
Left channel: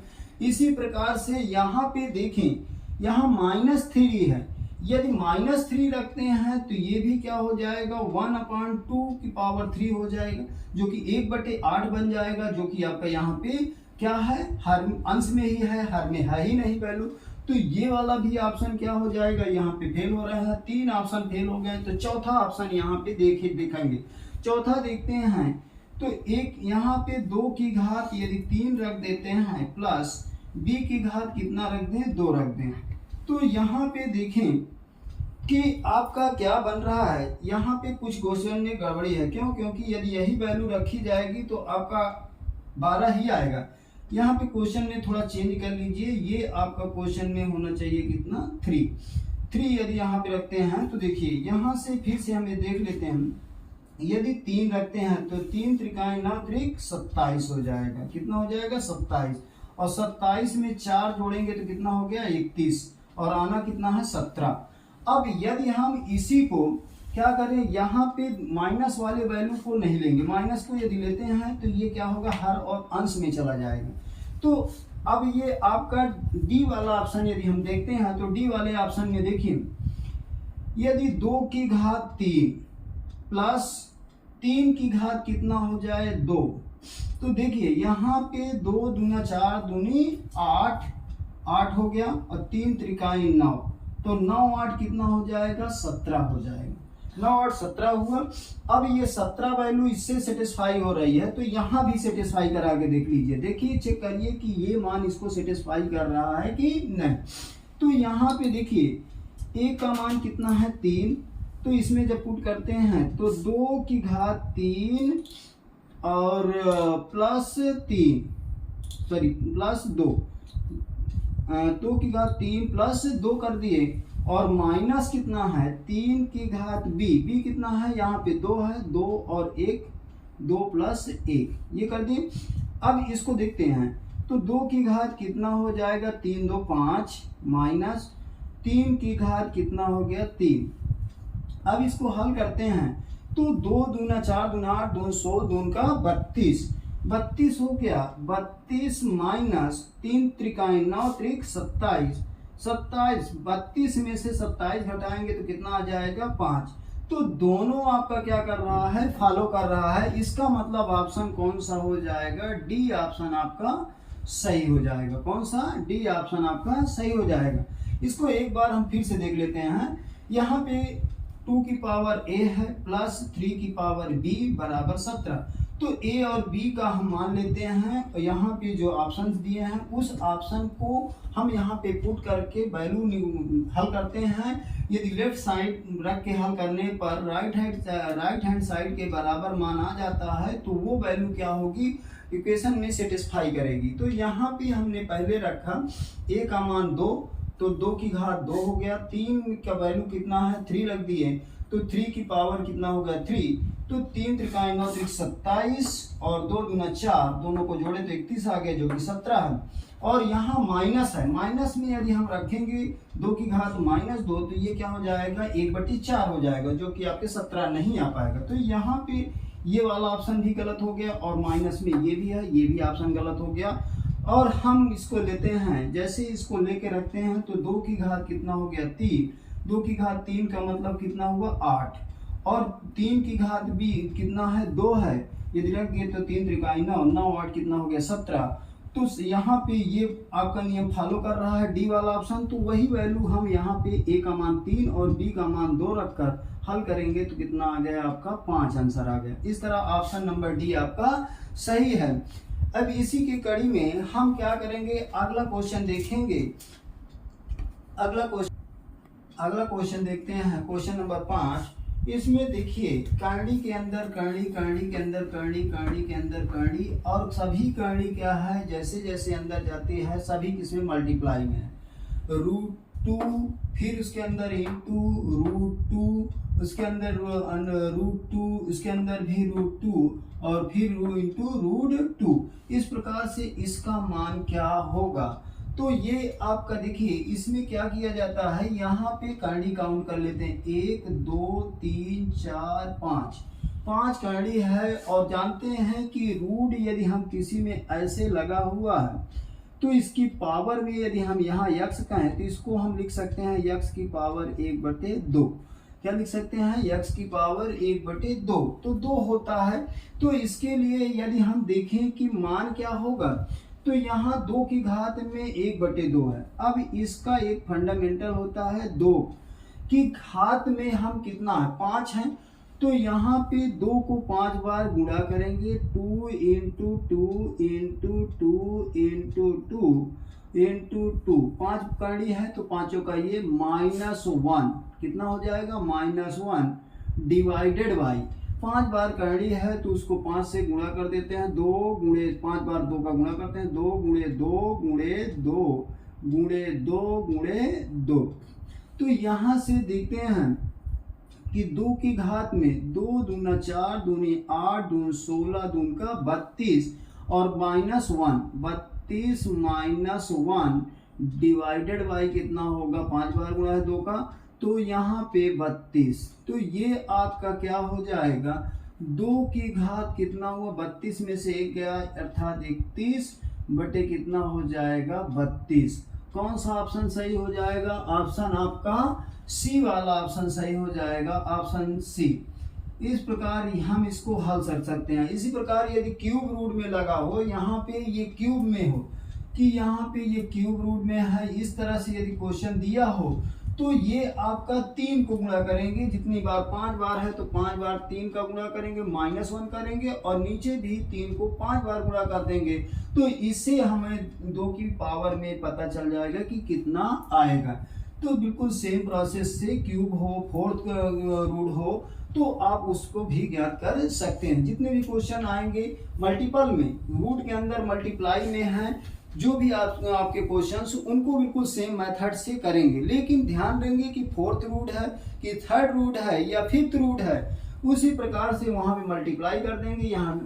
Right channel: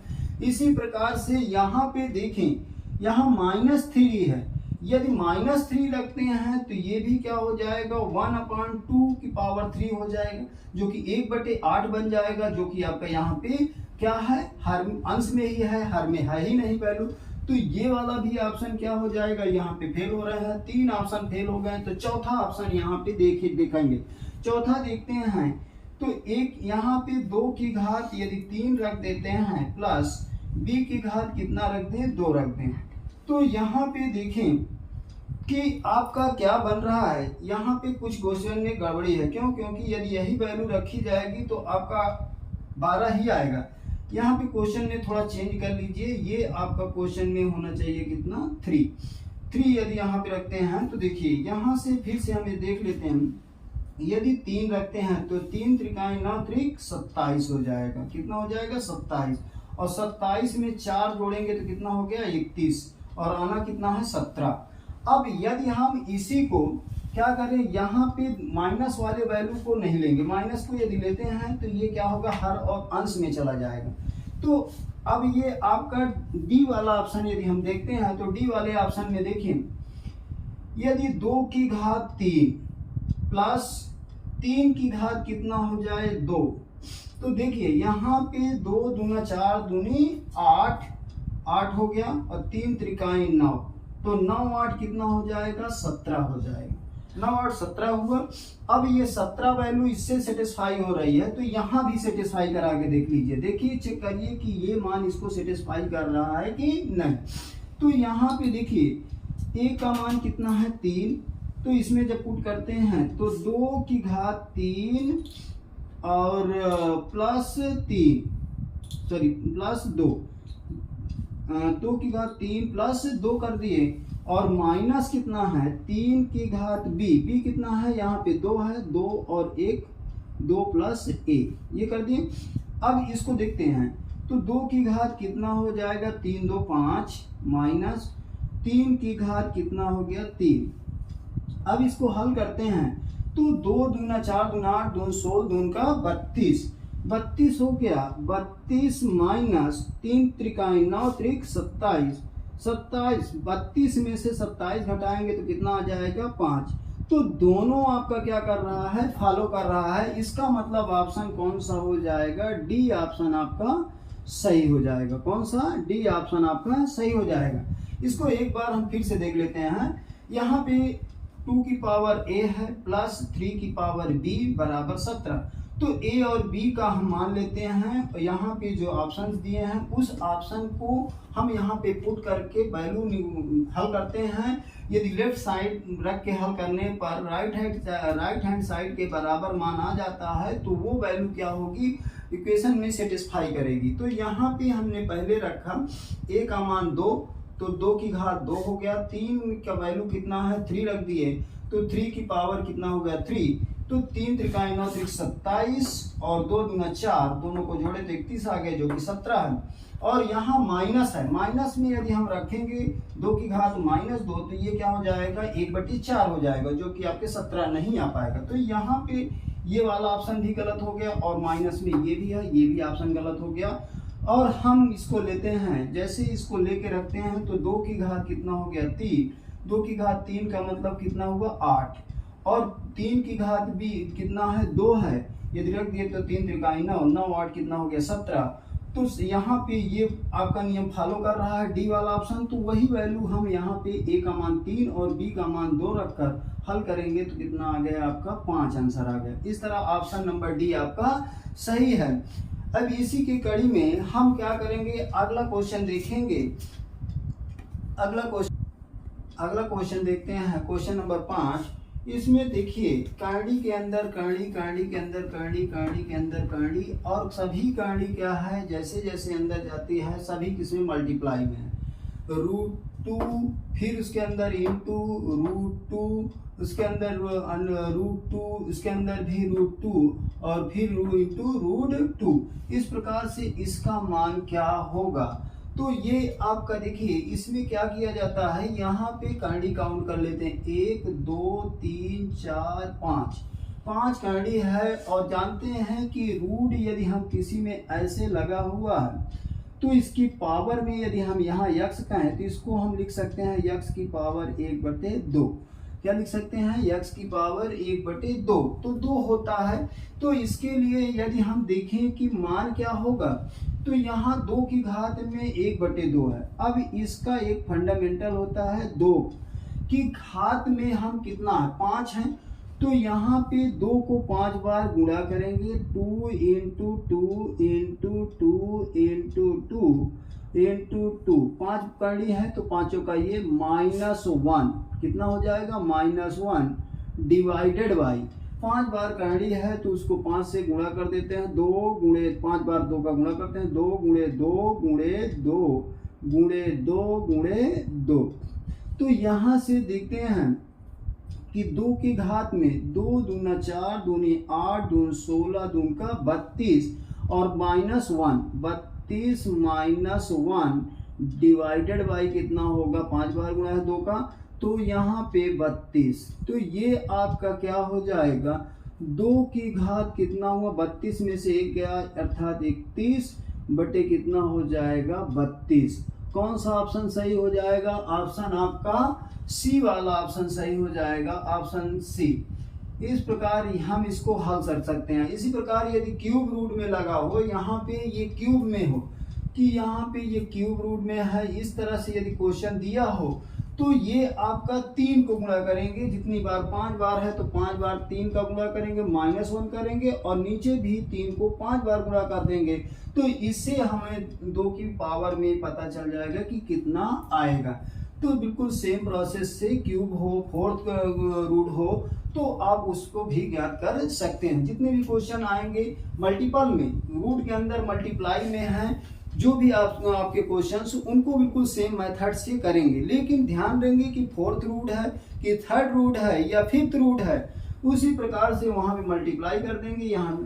इसी प्रकार से यहाँ पे देखें, यहाँ -3 है, यदि -3 रखते हैं तो ये भी क्या हो जाएगा 1/2 की पावर 3 हो जाएगा, जो कि 1/8 बन जाएगा, जो कि आपका यहाँ पे क्या है, हर अंश में ही है, हर में है ही नहीं वैल्यू। तो ये वाला भी ऑप्शन क्या हो जाएगा, यहाँ पे फेल हो रहा है, 3 ऑप्शन फेल हो गए। तो चौथा ऑप्शन यहाँ पे देखेंगे, चौथा देखते हैं, तो एक यहाँ पे 2 की घात यदि 3 रख देते हैं प्लस b की घात कितना रख दें 2 रख दें, तो यहाँ पे देखें कि आपका क्या बन रहा है, यहाँ पे कुछ क्वेश्चन में गड़बड़ी है। क्यों? क्योंकि यदि यही वैल्यू रखी जाएगी तो आपका 12 ही आएगा। यहाँ पे क्वेश्चन में थोड़ा चेंज कर लीजिए, ये आपका क्वेश्चन में होना चाहिए कितना 3 यदि यहाँ पे रखते हैं तो देखिए यहाँ से फिर से हमें देख लेते हैं, यदि 3 रखते हैं तो 3 त्रिकाई 9 त्रिक 27 हो जाएगा, कितना हो जाएगा 27, और 27 में 4 जोड़ेंगे तो कितना हो गया 31, और आना कितना है 17। अब यदि हम इसी को क्या करें, यहाँ पे माइनस वाले वैल्यू को नहीं लेंगे, माइनस को यदि लेते हैं तो ये क्या होगा हर और अंश में चला जाएगा। तो अब ये आपका डी वाला ऑप्शन यदि हम देखते हैं तो डी वाले ऑप्शन में देखिए, यदि 2 की घात 3 प्लस 3 की घात कितना हो जाए 2, तो देखिए यहाँ पे 2 दूना 4 दूनी 8 हो गया, और 3 त्रिकाई 9, तो 9 8 कितना हो जाएगा 17 हो जाएगा, 9 8 17 हुआ। अब ये 17 वैल्यू इससे सेटिस्फाई हो रही है, तो यहाँ भी सेटिस्फाई करा के देख लीजिए, देखिए चेक करिए कि ये मान इसको सेटिस्फाई कर रहा है कि नहीं। तो यहाँ पे देखिए a का मान कितना है 3, तो इसमें जब पुट करते हैं तो 2 की घात 3 और प्लस 2, 2 की घात 3 प्लस 2 कर दिए, और माइनस कितना है 3 की घात b कितना है, यहाँ पे 2 है, 2 और 1, 2 प्लस 1 ये कर दिए। अब इसको देखते हैं तो 2 की घात कितना हो जाएगा 3 2 5 माइनस 3 की घात कितना हो गया 3। अब इसको हल करते हैं तो 2 दूना 4 दूना 8 2 16 दून का 32 हो गया, 32 माइनस 3 त्रिकाई 9 त्रिक 27, 32 में से 27 घटाएंगे तो कितना आ जाएगा 5। तो दोनों आपका क्या कर रहा है फॉलो कर रहा है, इसका मतलब ऑप्शन कौन सा हो जाएगा, डी ऑप्शन आपका सही हो जाएगा। कौन सा? डी ऑप्शन आपका सही हो जाएगा। इसको एक बार हम फिर से देख लेते हैं, यहाँ पे 2 की पावर a है प्लस 3 की पावर b बराबर 17, तो a और b का हम मान लेते हैं, यहाँ पे जो ऑप्शन दिए हैं उस ऑप्शन को हम यहाँ पे पुट करके वैल्यू हल करते हैं। यदि लेफ्ट साइड रख के हल करने पर राइट हैंड साइड के बराबर मान आ जाता है तो वो वैल्यू क्या होगी, इक्वेशन में सेटिस्फाई करेगी। तो यहाँ पे हमने पहले रखा a का मान 2, तो 2 की घात 2 हो गया, 3 का वैल्यू कितना है 3 रख दिए, तो 3 की पावर कितना हो गया 3, तो 3 त्रिकाई 9 त्रिक 27 और 2 दूना 4, दोनों को जोड़े तो 31 आ गए, जो कि 17 है। और यहाँ माइनस है, माइनस में यदि हम रखेंगे 2 की घात -2, तो ये क्या हो जाएगा 1/4 हो जाएगा, जो कि आपके 17 नहीं आ पाएगा। तो यहाँ पे ये वाला ऑप्शन भी गलत हो गया, और माइनस में ये भी है, ये भी ऑप्शन गलत हो गया। और हम इसको लेते हैं, जैसे इसको लेके रखते हैं तो 2 की घात कितना हो गया 3, 2 की घात 3 का मतलब कितना हुआ 8, और 3 की घात भी कितना है 2 है, यदि रख दिए तो 3 त्रिकाई 9, 9 8 कितना हो गया 17, तो यहाँ पे ये आपका नियम फॉलो कर रहा है डी वाला ऑप्शन, तो वही वैल्यू हम यहाँ पे ए का मान 3 और बी का मान 2 रखकर हल करेंगे तो कितना आ गया आपका 5 आंसर आ गया। इस तरह ऑप्शन नंबर डी आपका सही है। अब इसी की कड़ी में हम क्या करेंगे, अगला क्वेश्चन देखेंगे। अगला क्वेश्चन देखते हैं, क्वेश्चन नंबर 5। इसमें देखिए करड़ी के अंदर करड़ी, करड़ी के अंदर करड़ी, करड़ी के अंदर करड़ी, और सभी करड़ी क्या है, जैसे जैसे अंदर जाती है सभी किसमें मल्टीप्लाई में है। √2, फिर उसके अंदर इंटू √2, उसके अंदर √2, उसके अंदर भी √2, और फिर इंटू √2। इस प्रकार से इसका मान क्या होगा। तो ये आपका देखिए इसमें क्या किया जाता है, यहाँ पे करड़ी काउंट कर लेते हैं, 1 2 3 4 5 करड़ी है। और जानते हैं कि रूट यदि हम किसी में ऐसे लगा हुआ है तो इसकी पावर में यदि हम यहाँ यक्स का है तो इसको हम लिख सकते हैं यक्स की पावर 1/2। क्या लिख सकते हैं, यक्स की पावर 1/2, तो 2 होता है। तो इसके लिए यदि हम देखें कि मान क्या होगा, तो यहाँ 2 की घात में 1/2 है। अब इसका एक फंडामेंटल होता है 2 की घात में हम कितना है 5 है, तो यहाँ पे 2 को 5 बार गुणा करेंगे, 2 × 2 × 2 × 2 × 2, 5 करड़ी है तो पांचों का ये -1 कितना हो जाएगा, -1 डिवाइडेड बाई 5 बार करड़ी है तो उसको 5 से गुणा कर देते हैं, 2 गुणे 5 बार 2 का गुणा करते हैं, 2 × 2 × 2 × 2 × 2। तो यहाँ से देखते हैं कि 2 की घात में 2 दूना 4, दूनी 8, दून 16, दून का 32, और -1 32 -1 डिवाइडेड बाई कितना होगा, 5 बार गुणा है 2 का, तो यहाँ पे 32। तो ये आपका क्या हो जाएगा, 2 की घात कितना हुआ, 32 में से 1 गया अर्थात 31 बटे कितना हो जाएगा 32। कौन सा ऑप्शन सही हो जाएगा, ऑप्शन आपका सी वाला ऑप्शन सही हो जाएगा, ऑप्शन सी। इस प्रकार हम इसको हल कर सकते हैं। इसी प्रकार यदि क्यूब रूट में लगा हो, यहाँ पे ये क्यूब में हो कि यहाँ पे ये क्यूब रूट में है, इस तरह से यदि क्वेश्चन दिया हो तो ये आपका 3 को गुणा करेंगे, जितनी बार 5 बार है तो 5 बार 3 का गुणा करेंगे, -1 करेंगे, और नीचे भी 3 को 5 बार गुणा कर देंगे। तो इससे हमें 2 की पावर में पता चल जाएगा कि कितना आएगा। तो बिल्कुल सेम प्रोसेस से क्यूब हो, फोर्थ रूट हो, तो आप उसको भी ज्ञात कर सकते हैं। जितने भी क्वेश्चन आएंगे मल्टीपल में, रूट के अंदर मल्टीप्लाई में है, जो भी आपके क्वेश्चंस उनको बिल्कुल सेम मेथड से करेंगे। लेकिन ध्यान देंगे कि फोर्थ रूट है कि थर्ड रूट है या फिफ्थ रूट है, उसी प्रकार से वहां पे मल्टीप्लाई कर देंगे। यहाँ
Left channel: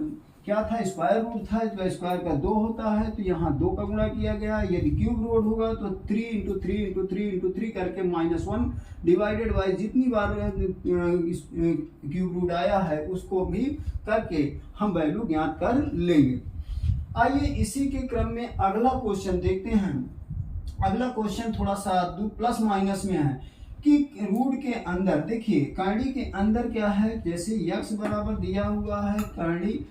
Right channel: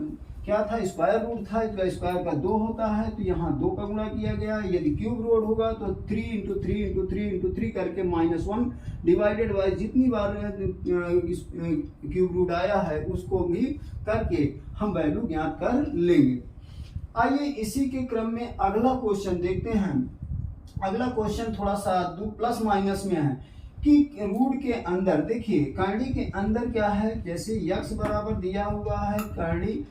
क्या था, स्क्वायर रूट था, इसका स्क्वायर का 2 होता है, तो यहाँ 2 का गुणा किया गया। यदि क्यूब रूट होगा तो 3 × 3 × 3 × 3 करके -1 डिवाइडेड बाई जितनी बार क्यूब रूट आया है उसको भी करके हम वैल्यू ज्ञात कर लेंगे। आइए इसी के क्रम में अगला क्वेश्चन देखते हैं। अगला क्वेश्चन थोड़ा सा प्लस माइनस में है कि रूट के अंदर देखिए करड़ी के अंदर क्या है, जैसे यक्स बराबर दिया हुआ है करड़ी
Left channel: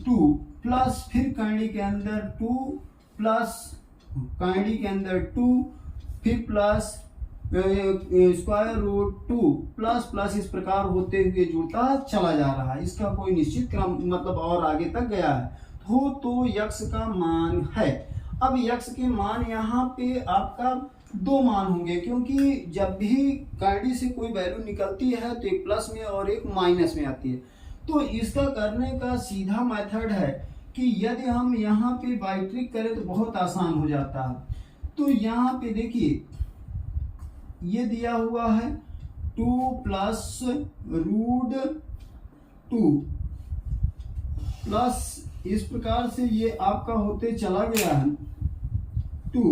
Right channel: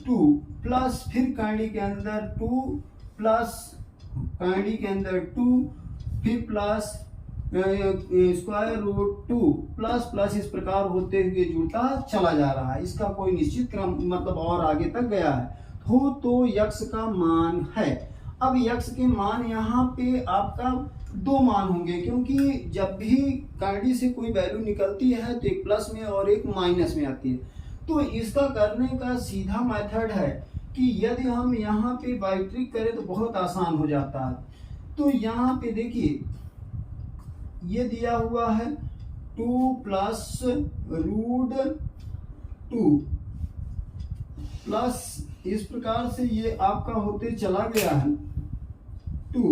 2 प्लस फिर करड़ी के अंदर 2 प्लस करड़ी के अंदर 2 फिर plus square root 2 plus plus, इस प्रकार होते हुए जुड़ता चला जा रहा है। इसका कोई निश्चित क्रम मतलब और आगे तक गया है तो यक्स का मान है। अब यक्स के मान यहाँ पे आपका 2 मान होंगे, क्योंकि जब भी करड़ी से कोई वैल्यू निकलती है तो एक प्लस में और एक माइनस में आती है। तो इसका करने का सीधा मेथड है कि यदि हम यहाँ पे बाई ट्रिक करें तो बहुत आसान हो जाता है। तो यहाँ पे देखिए ये दिया हुआ है 2 प्लस √2 प्लस, इस प्रकार से ये आपका होते चला गया है 2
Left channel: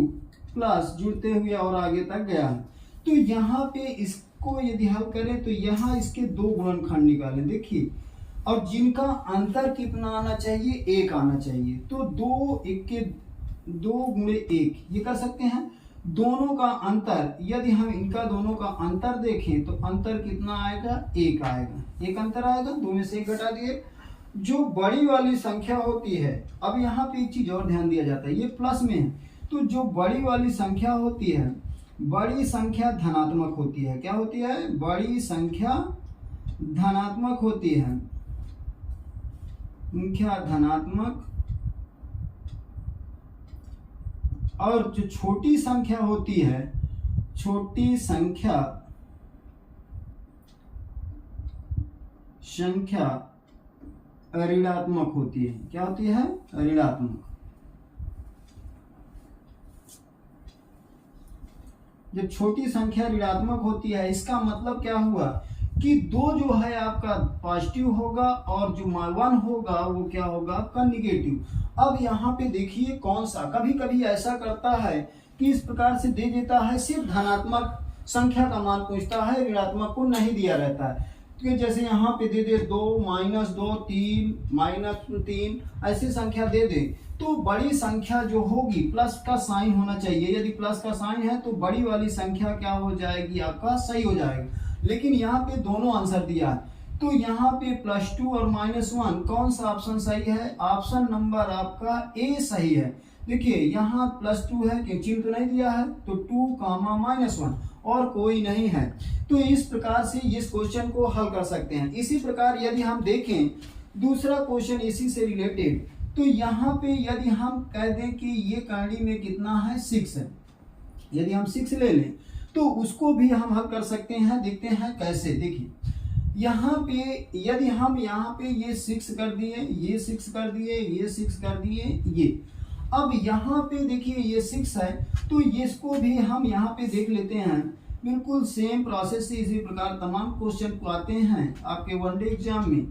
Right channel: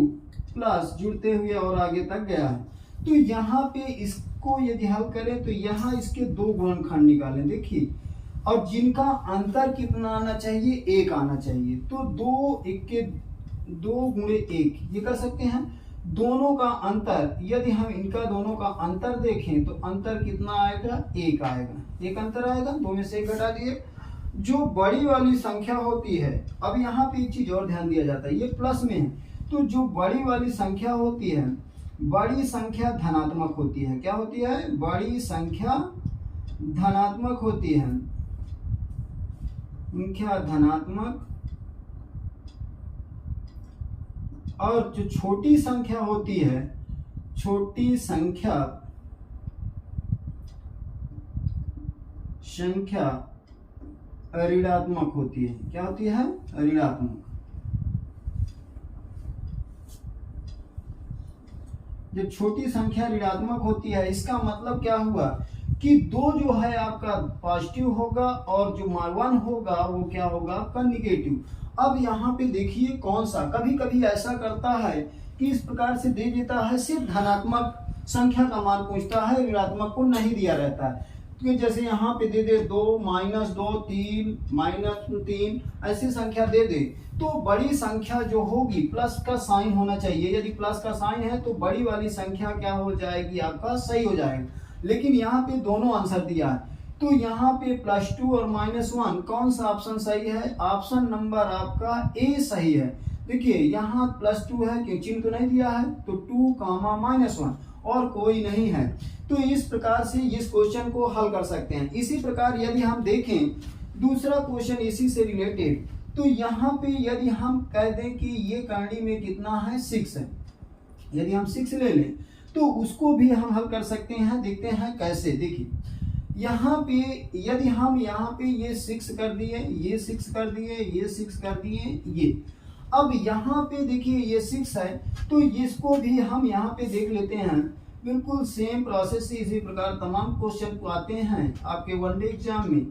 प्लस जुड़ते हुए और आगे तक गया है। तो यहाँ पे इसको यदि हल करें तो यहाँ इसके 2 गुणनखंड निकालें देखिए, और जिनका अंतर कितना आना चाहिए, 1 आना चाहिए। तो 2 × 1 ये कर सकते हैं। दोनों का अंतर यदि हम इनका दोनों का अंतर देखें तो अंतर कितना आएगा, 1 आएगा, 1 अंतर आएगा, 2 में से 1 घटा दिए जो बड़ी वाली संख्या होती है, अब यहाँ पे एक चीज और ध्यान दिया जाता है, ये प्लस में है, तो जो बड़ी वाली संख्या होती है, बड़ी संख्या धनात्मक होती है। क्या होती है? बड़ी संख्या धनात्मक होती है, संख्या धनात्मक। और जो छोटी संख्या होती है, छोटी संख्या ऋणात्मक होती है। क्या होती है? ऋणात्मक। जब छोटी संख्या ऋणात्मक होती है, इसका मतलब क्या हुआ कि 2 जो है आपका पॉजिटिव होगा और जो 1 होगा वो क्या होगा? आपका निगेटिव। अब यहाँ पे देखिए कौन सा, कभी कभी ऐसा करता है कि इस प्रकार से दे देता है, सिर्फ धनात्मक संख्या का मान पूछता है, ऋणात्मक को नहीं दिया रहता है। तो जैसे यहाँ पे दे दे 2, -2, 3, -3, ऐसी संख्या दे दे, तो बड़ी संख्या जो होगी प्लस का साइन होना चाहिए। यदि प्लस का साइन है तो बड़ी वाली संख्या क्या हो जाएगी? आपका सही हो जाएगा। लेकिन यहाँ पे दोनों आंसर दिया है, तो यहाँ पे +2 और -1 कौन सा ऑप्शन सही है? ऑप्शन नंबर आपका ए सही है। देखिए यहाँ +2 है, क्यों चिन्ह तो नहीं दिया है, तो 2, -1 और कोई नहीं है। तो इस प्रकार से इस क्वेश्चन को हल कर सकते हैं। इसी प्रकार यदि हम देखें दूसरा क्वेश्चन इसी से रिलेटेड, तो यहाँ पे यदि हम कह दें कि ये करनी में कितना है? 6 है। यदि हम 6 ले लें तो उसको भी हम हल कर सकते हैं। देखते हैं कैसे। देखिए यहाँ पे यदि हम यहाँ पे ये 6 कर दिए, ये 6 कर दिए, ये 6 कर दिए, ये अब यहाँ पे देखिए ये 6 है, तो इसको भी हम यहाँ पे देख लेते हैं। बिल्कुल सेम प्रोसेस से इसी प्रकार तमाम क्वेश्चन को आते हैं आपके वनडे एग्जाम में।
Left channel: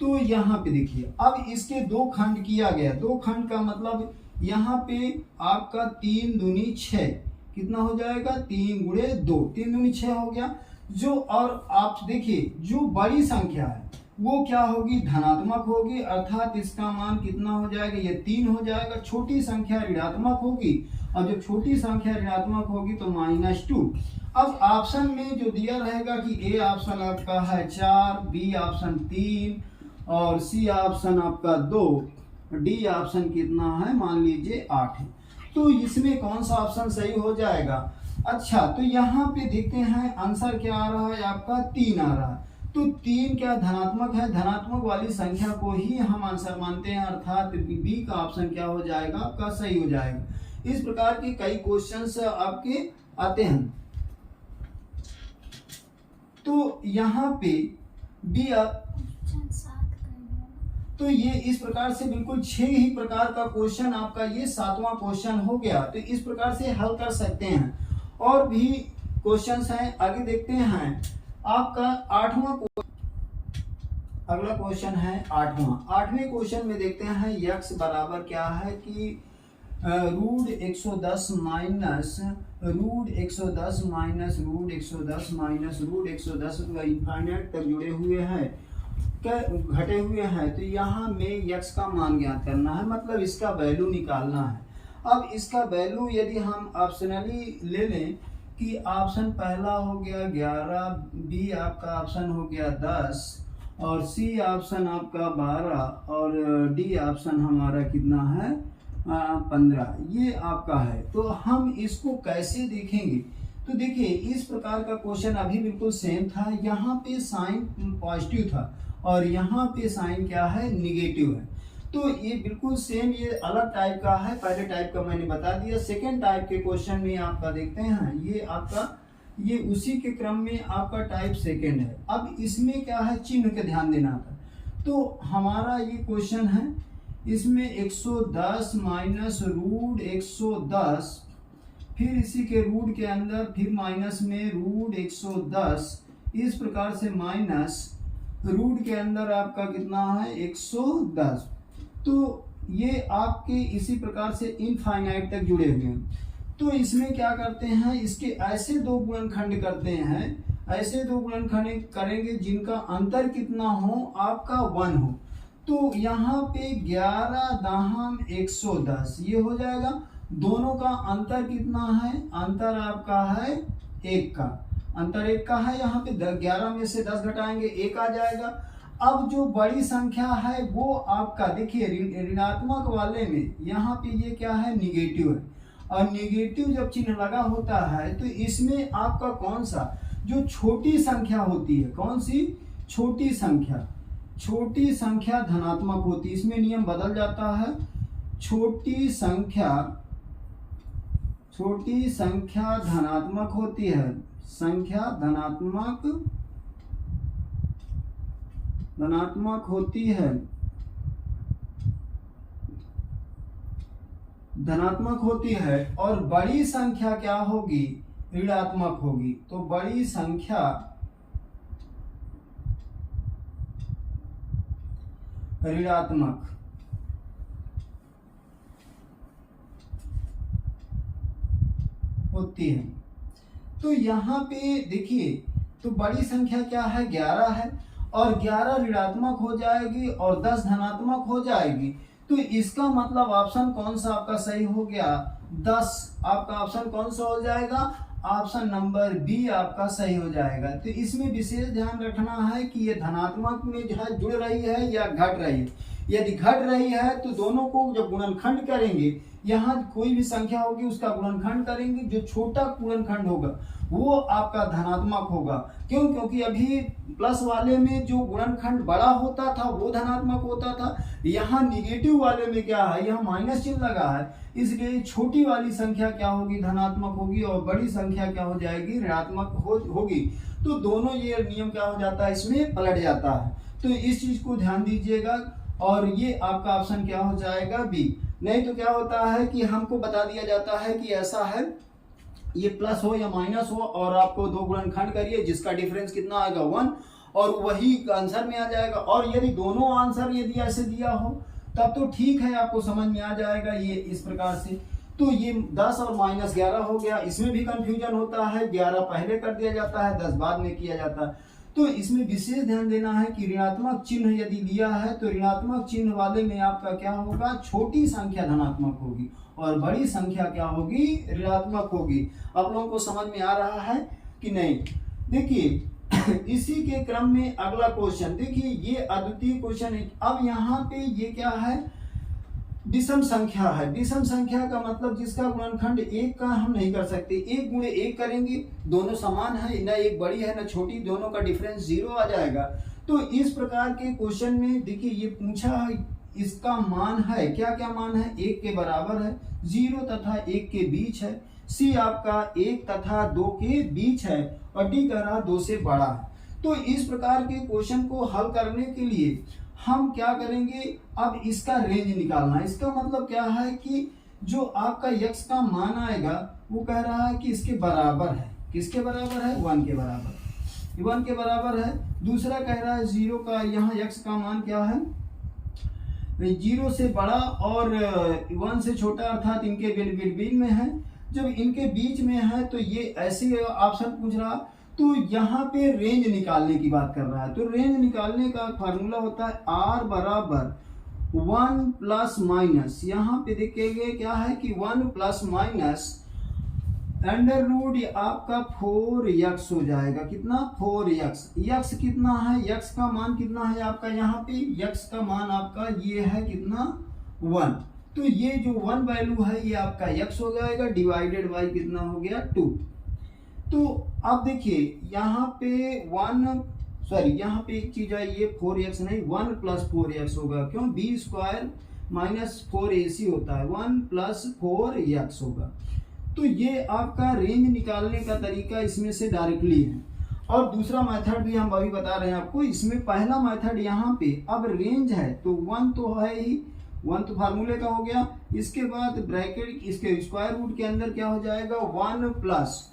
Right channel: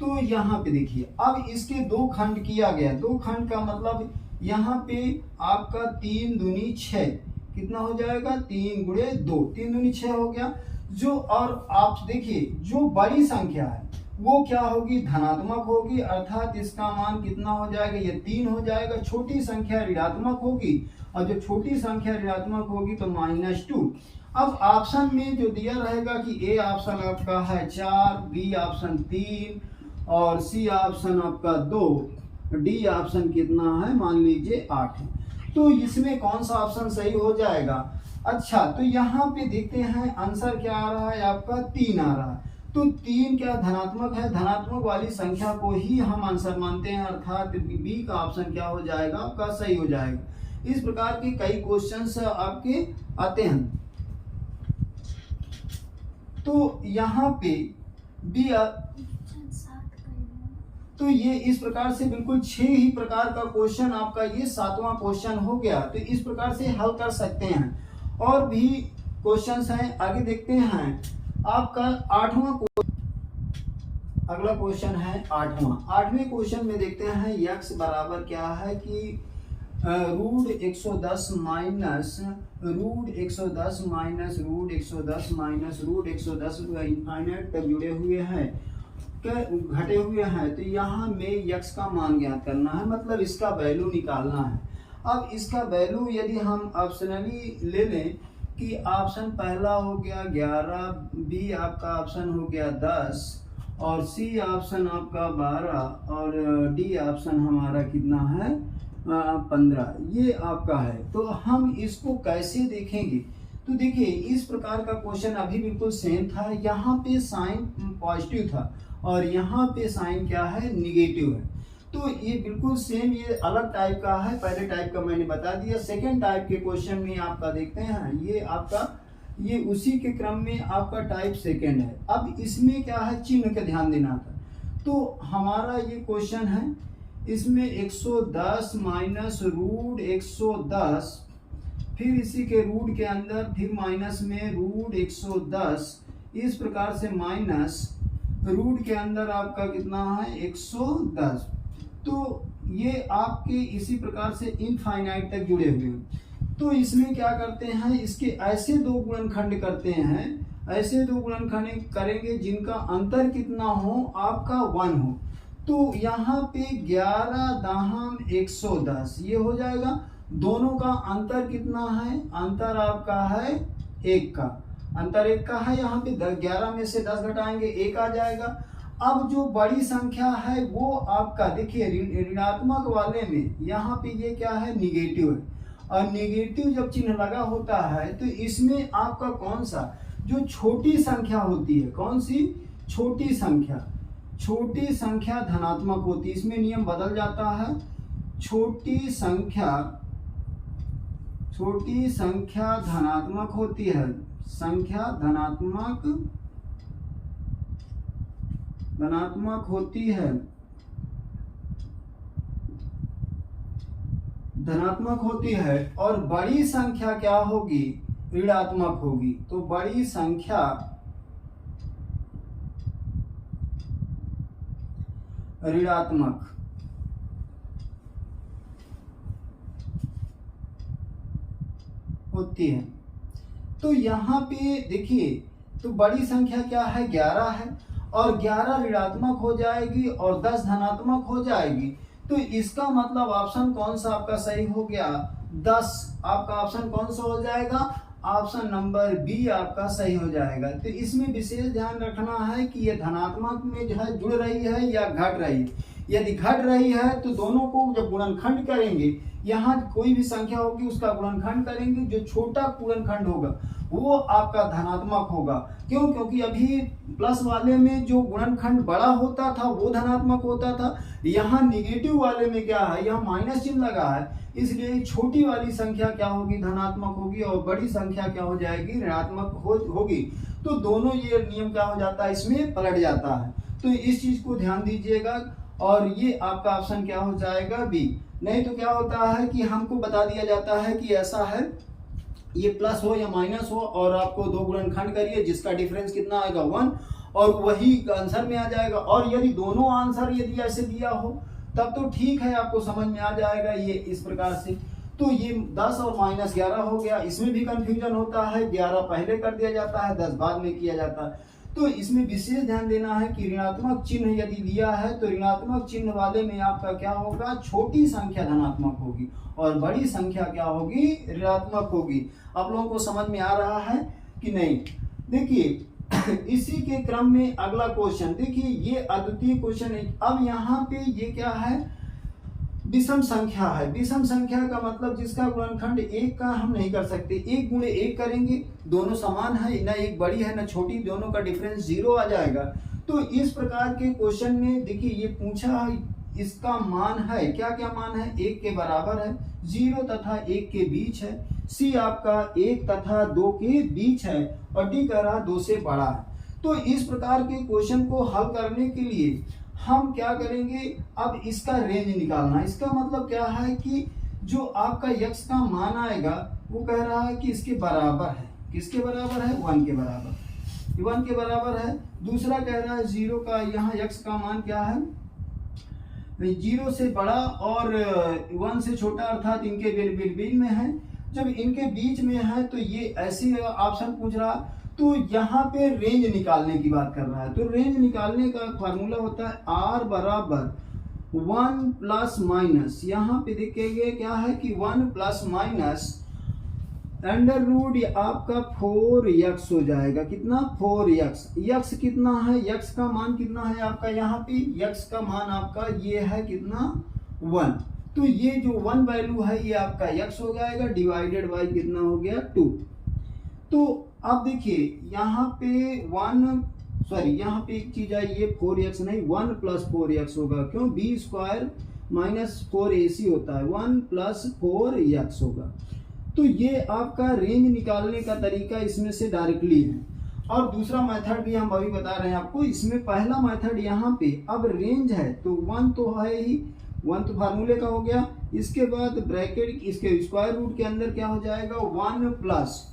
तो यहाँ पे देखिए अब इसके 2 खंड किया गया। 2 खंड का मतलब यहाँ पे आपका 3 दूनी 6 कितना हो जाएगा? 3 गुणे 2, 3 दूनी 6 हो गया। जो और आप देखिए जो बड़ी संख्या है वो क्या होगी? धनात्मक होगी, अर्थात इसका मान कितना हो जाएगा? ये 3 हो जाएगा। छोटी संख्या ऋणात्मक होगी, और जब छोटी संख्या ऋणात्मक होगी तो -2। अब ऑप्शन में जो दिया रहेगा कि ए ऑप्शन आपका है 4, बी ऑप्शन 3 और सी ऑप्शन आपका 2, डी ऑप्शन कितना है? मान लीजिए 8 है। तो इसमें कौन सा ऑप्शन सही हो जाएगा? अच्छा, तो यहाँ पे देखते हैं आंसर क्या आ रहा है? आपका 3 आ रहा है। तो 3 क्या धनात्मक है? धनात्मक वाली संख्या को ही हम आंसर मानते हैं, अर्थात बी का ऑप्शन क्या हो जाएगा? आपका सही हो जाएगा। इस प्रकार के कई क्वेश्चंस आपके आते हैं। तो यहाँ पे बी तो ये इस प्रकार से बिल्कुल 6 ही प्रकार का क्वेश्चन आपका ये 7वां क्वेश्चन हो गया। तो इस प्रकार से हल कर सकते हैं। और भी क्वेश्चंस हैं, आगे देखते हैं। आपका 8वां अगला क्वेश्चन है 8वां। 8वें क्वेश्चन में देखते हैं x बराबर क्या है कि √110 माइनस √110 माइनस √110 माइनस √110 इनफाइनाइट तक जुड़े हुए हैं, घटे हुए हैं। तो यहाँ में x का मान ज्ञात करना है, मतलब इसका वैल्यू निकालना है। अब इसका वैल्यू यदि हम ऑप्शनली ले लें कि ऑप्शन पहला हो गया 11, बी आपका ऑप्शन हो गया 10 और सी ऑप्शन आपका 12 और डी ऑप्शन हमारा कितना है? 15। ये आपका है। तो हम इसको कैसे देखेंगे? तो देखिए इस प्रकार का क्वेश्चन अभी बिल्कुल सेम था। यहाँ पे साइन पॉजिटिव था और यहाँ पे साइन क्या है? निगेटिव है। तो ये बिल्कुल सेम, ये अलग टाइप का है। पहले टाइप का मैंने बता दिया। सेकेंड टाइप के क्वेश्चन में आपका देखते हैं, ये आपका ये उसी के क्रम में आपका टाइप सेकेंड है। अब इसमें क्या है? चिन्ह का ध्यान देना था। तो हमारा ये क्वेश्चन है, इसमें 110 माइनस √110, फिर इसी के रूट के अंदर फिर माइनस में √110, इस प्रकार से माइनस रूट के अंदर आपका कितना है? 110। तो ये आपके इसी प्रकार से इनफाइनाइट तक जुड़े हुए हैं। तो इसमें क्या करते हैं? इसके ऐसे 2 गुणनखंड करते हैं, ऐसे 2 गुणनखंड करेंगे जिनका अंतर कितना हो? आपका 1 हो। तो यहाँ पे 11 दाहम 110 ये हो जाएगा। दोनों का अंतर कितना है? अंतर आपका है 1 का, अंतर 1 का है। यहाँ पे 11 में से 10 घटाएंगे 1 आ जाएगा। अब जो बड़ी संख्या है वो आपका देखिए ऋणात्मक वाले में यहाँ पे ये क्या है, निगेटिव है, और निगेटिव जब चिन्ह लगा होता है तो इसमें आपका कौन सा जो छोटी संख्या होती है, कौन सी छोटी संख्या, छोटी संख्या धनात्मक होती है। इसमें नियम बदल जाता है, छोटी संख्या धनात्मक होती है, संख्या धनात्मक होती है, धनात्मक होती है, और बड़ी संख्या क्या होगी, ऋणात्मक होगी। तो बड़ी संख्या ऋणात्मक होती है। तो यहाँ पे देखिए, तो बड़ी संख्या क्या है, 11 है, और 11 ऋणात्मक हो जाएगी और 10 धनात्मक हो जाएगी। तो इसका मतलब ऑप्शन कौन सा आपका सही हो गया, 10। आपका ऑप्शन कौन सा हो जाएगा, ऑप्शन नंबर बी आपका सही हो जाएगा। तो इसमें विशेष ध्यान रखना है कि ये धनात्मक में जो है जुड़ रही है या घट रही है। यदि घट रही है तो दोनों को जब गुणनखंड करेंगे, यहाँ कोई भी संख्या होगी उसका गुणनखंड करेंगे, जो छोटा गुणनखंड होगा वो आपका धनात्मक होगा। क्यों, क्योंकि अभी प्लस वाले में जो गुणनखंड बड़ा होता था वो धनात्मक होता था, यहाँ निगेटिव वाले में क्या है, यहाँ माइनस चिन्ह लगा है, इसलिए छोटी वाली संख्या क्या होगी, धनात्मक होगी, और बड़ी संख्या क्या हो जाएगी, ऋणात्मक होगी। तो दोनों ये नियम क्या हो जाता है, इसमें पलट जाता है। तो इस चीज को ध्यान दीजिएगा, और ये आपका ऑप्शन क्या हो जाएगा, बी। नहीं तो क्या होता है कि हमको बता दिया जाता है कि ऐसा है, ये प्लस हो या माइनस हो, और आपको दो गुणनखंड करिए जिसका डिफरेंस कितना आएगा, 1, और वही आंसर में आ जाएगा। और यदि दोनों आंसर यदि ऐसे दिया हो तब तो ठीक है, आपको समझ में आ जाएगा ये इस प्रकार से। तो ये 10 और -11 हो गया, इसमें भी कंफ्यूजन होता है, 11 पहले कर दिया जाता है, 10 बाद में किया जाता है। तो इसमें विशेष ध्यान देना है कि ऋणात्मक चिन्ह यदि दिया है तो ऋणात्मक चिन्ह वाले में आपका क्या होगा, छोटी संख्या धनात्मक होगी और बड़ी संख्या क्या होगी, ऋणात्मक होगी। आप लोगों को समझ में आ रहा है कि नहीं? देखिए इसी के क्रम में अगला क्वेश्चन देखिए, ये अद्वितीय क्वेश्चन है। अब यहाँ पे ये क्या है, विषम संख्या है। विषम संख्या का मतलब जिसका गुणनखंड 1 का हम नहीं कर सकते, 1 गुणे 1 करेंगे, दोनों समान है, ना एक बड़ी है ना छोटी, दोनों का डिफरेंस 0 आ जाएगा। तो इस प्रकार के क्वेश्चन में देखिए ये पूछा है, इसका मान है, क्या क्या मान है, 1 के बराबर है, 0 तथा 1 के बीच है, सी आपका 1 तथा 2 के बीच है, और डी कह रहा 2 से बड़ा है। तो इस प्रकार के क्वेश्चन को हल करने के लिए हम क्या करेंगे, अब इसका रेंज निकालना। इसका मतलब क्या है कि जो आपका x का मान आएगा वो कह रहा है कि इसके बराबर है, किसके बराबर है, 1 के बराबर, 1 के बराबर है। दूसरा कह रहा है 0 का, यहाँ x का मान क्या है, 0 से बड़ा और 1 से छोटा, अर्थात इनके बिल्कुल में है। जब इनके बीच में है तो ये ऐसे ऑप्शन पूछ रहा, तो यहाँ पे रेंज निकालने की बात कर रहा है। तो रेंज निकालने का फार्मूला होता है r बराबर 1 प्लस माइनस, यहाँ पे देखेंगे क्या है कि 1 प्लस माइनस अंडर रूट आपका 4x हो जाएगा, कितना, 4x। x कितना है, x का मान कितना है आपका, यहाँ पे x का मान आपका ये है कितना, 1। तो ये जो 1 वैल्यू है ये आपका x हो जाएगा, डिवाइडेड बाई कितना हो गया, 2। तो अब देखिए यहाँ पे यहाँ पे एक चीज है, ये 4x नहीं 1 प्लस 4x होगा, क्यों, b स्क्वायर माइनस 4ac होता है, 1 प्लस 4x होगा। तो ये आपका रेंज निकालने का तरीका इसमें से डायरेक्टली है। और दूसरा मेथड भी हम अभी बता रहे हैं आपको। इसमें पहला मेथड यहाँ पे अब रेंज है तो 1 तो है ही, 1 तो फार्मूले का हो गया। इसके बाद ब्रैकेट इसके स्क्वायर रूट के अंदर क्या हो जाएगा, 1 प्लस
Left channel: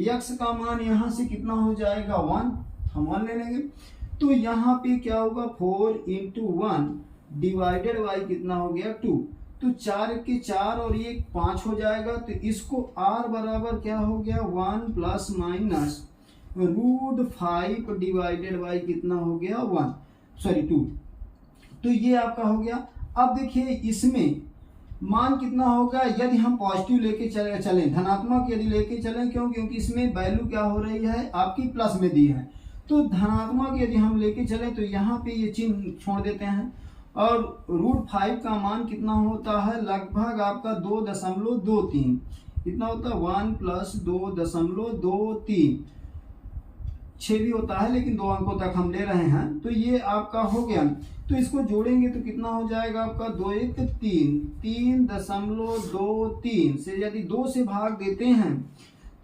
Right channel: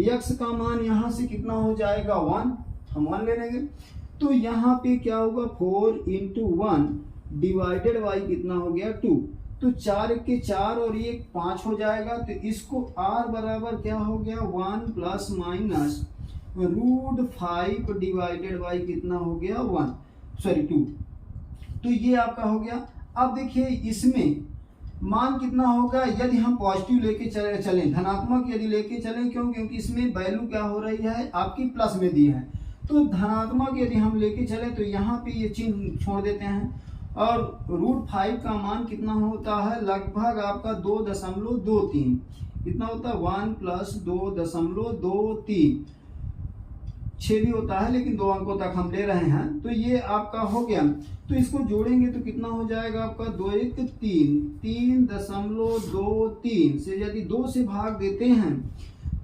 x का मान यहाँ से कितना हो जाएगा, 1, हम 1 ले लेंगे। तो यहाँ पे क्या होगा, 4 × 1 डिवाइडेड बाई कितना हो गया, 2। तो 4 के 4 और ये 5 हो जाएगा। तो इसको r बराबर क्या हो गया, 1 प्लस माइनस √5 डिवाइडेड बाई कितना हो गया, 2। तो ये आपका हो गया। अब देखिए इसमें मान कितना होगा, यदि हम पॉजिटिव लेके चलें, धनात्मक यदि लेके चलें, क्यों, क्योंकि इसमें वैल्यू क्या हो रही है आपकी प्लस में दी है। तो धनात्मक यदि हम लेके चले तो यहाँ पे ये चिन्ह छोड़ देते हैं, और √5 का मान कितना होता है, लगभग आपका 2.23, कितना होता है 1 + 2.23, 6 भी होता है लेकिन 2 अंकों तक हम ले रहे हैं। तो ये आपका हो गया। तो इसको जोड़ेंगे तो कितना हो जाएगा आपका 2 1 3, 3.23 से यदि 2 से भाग देते हैं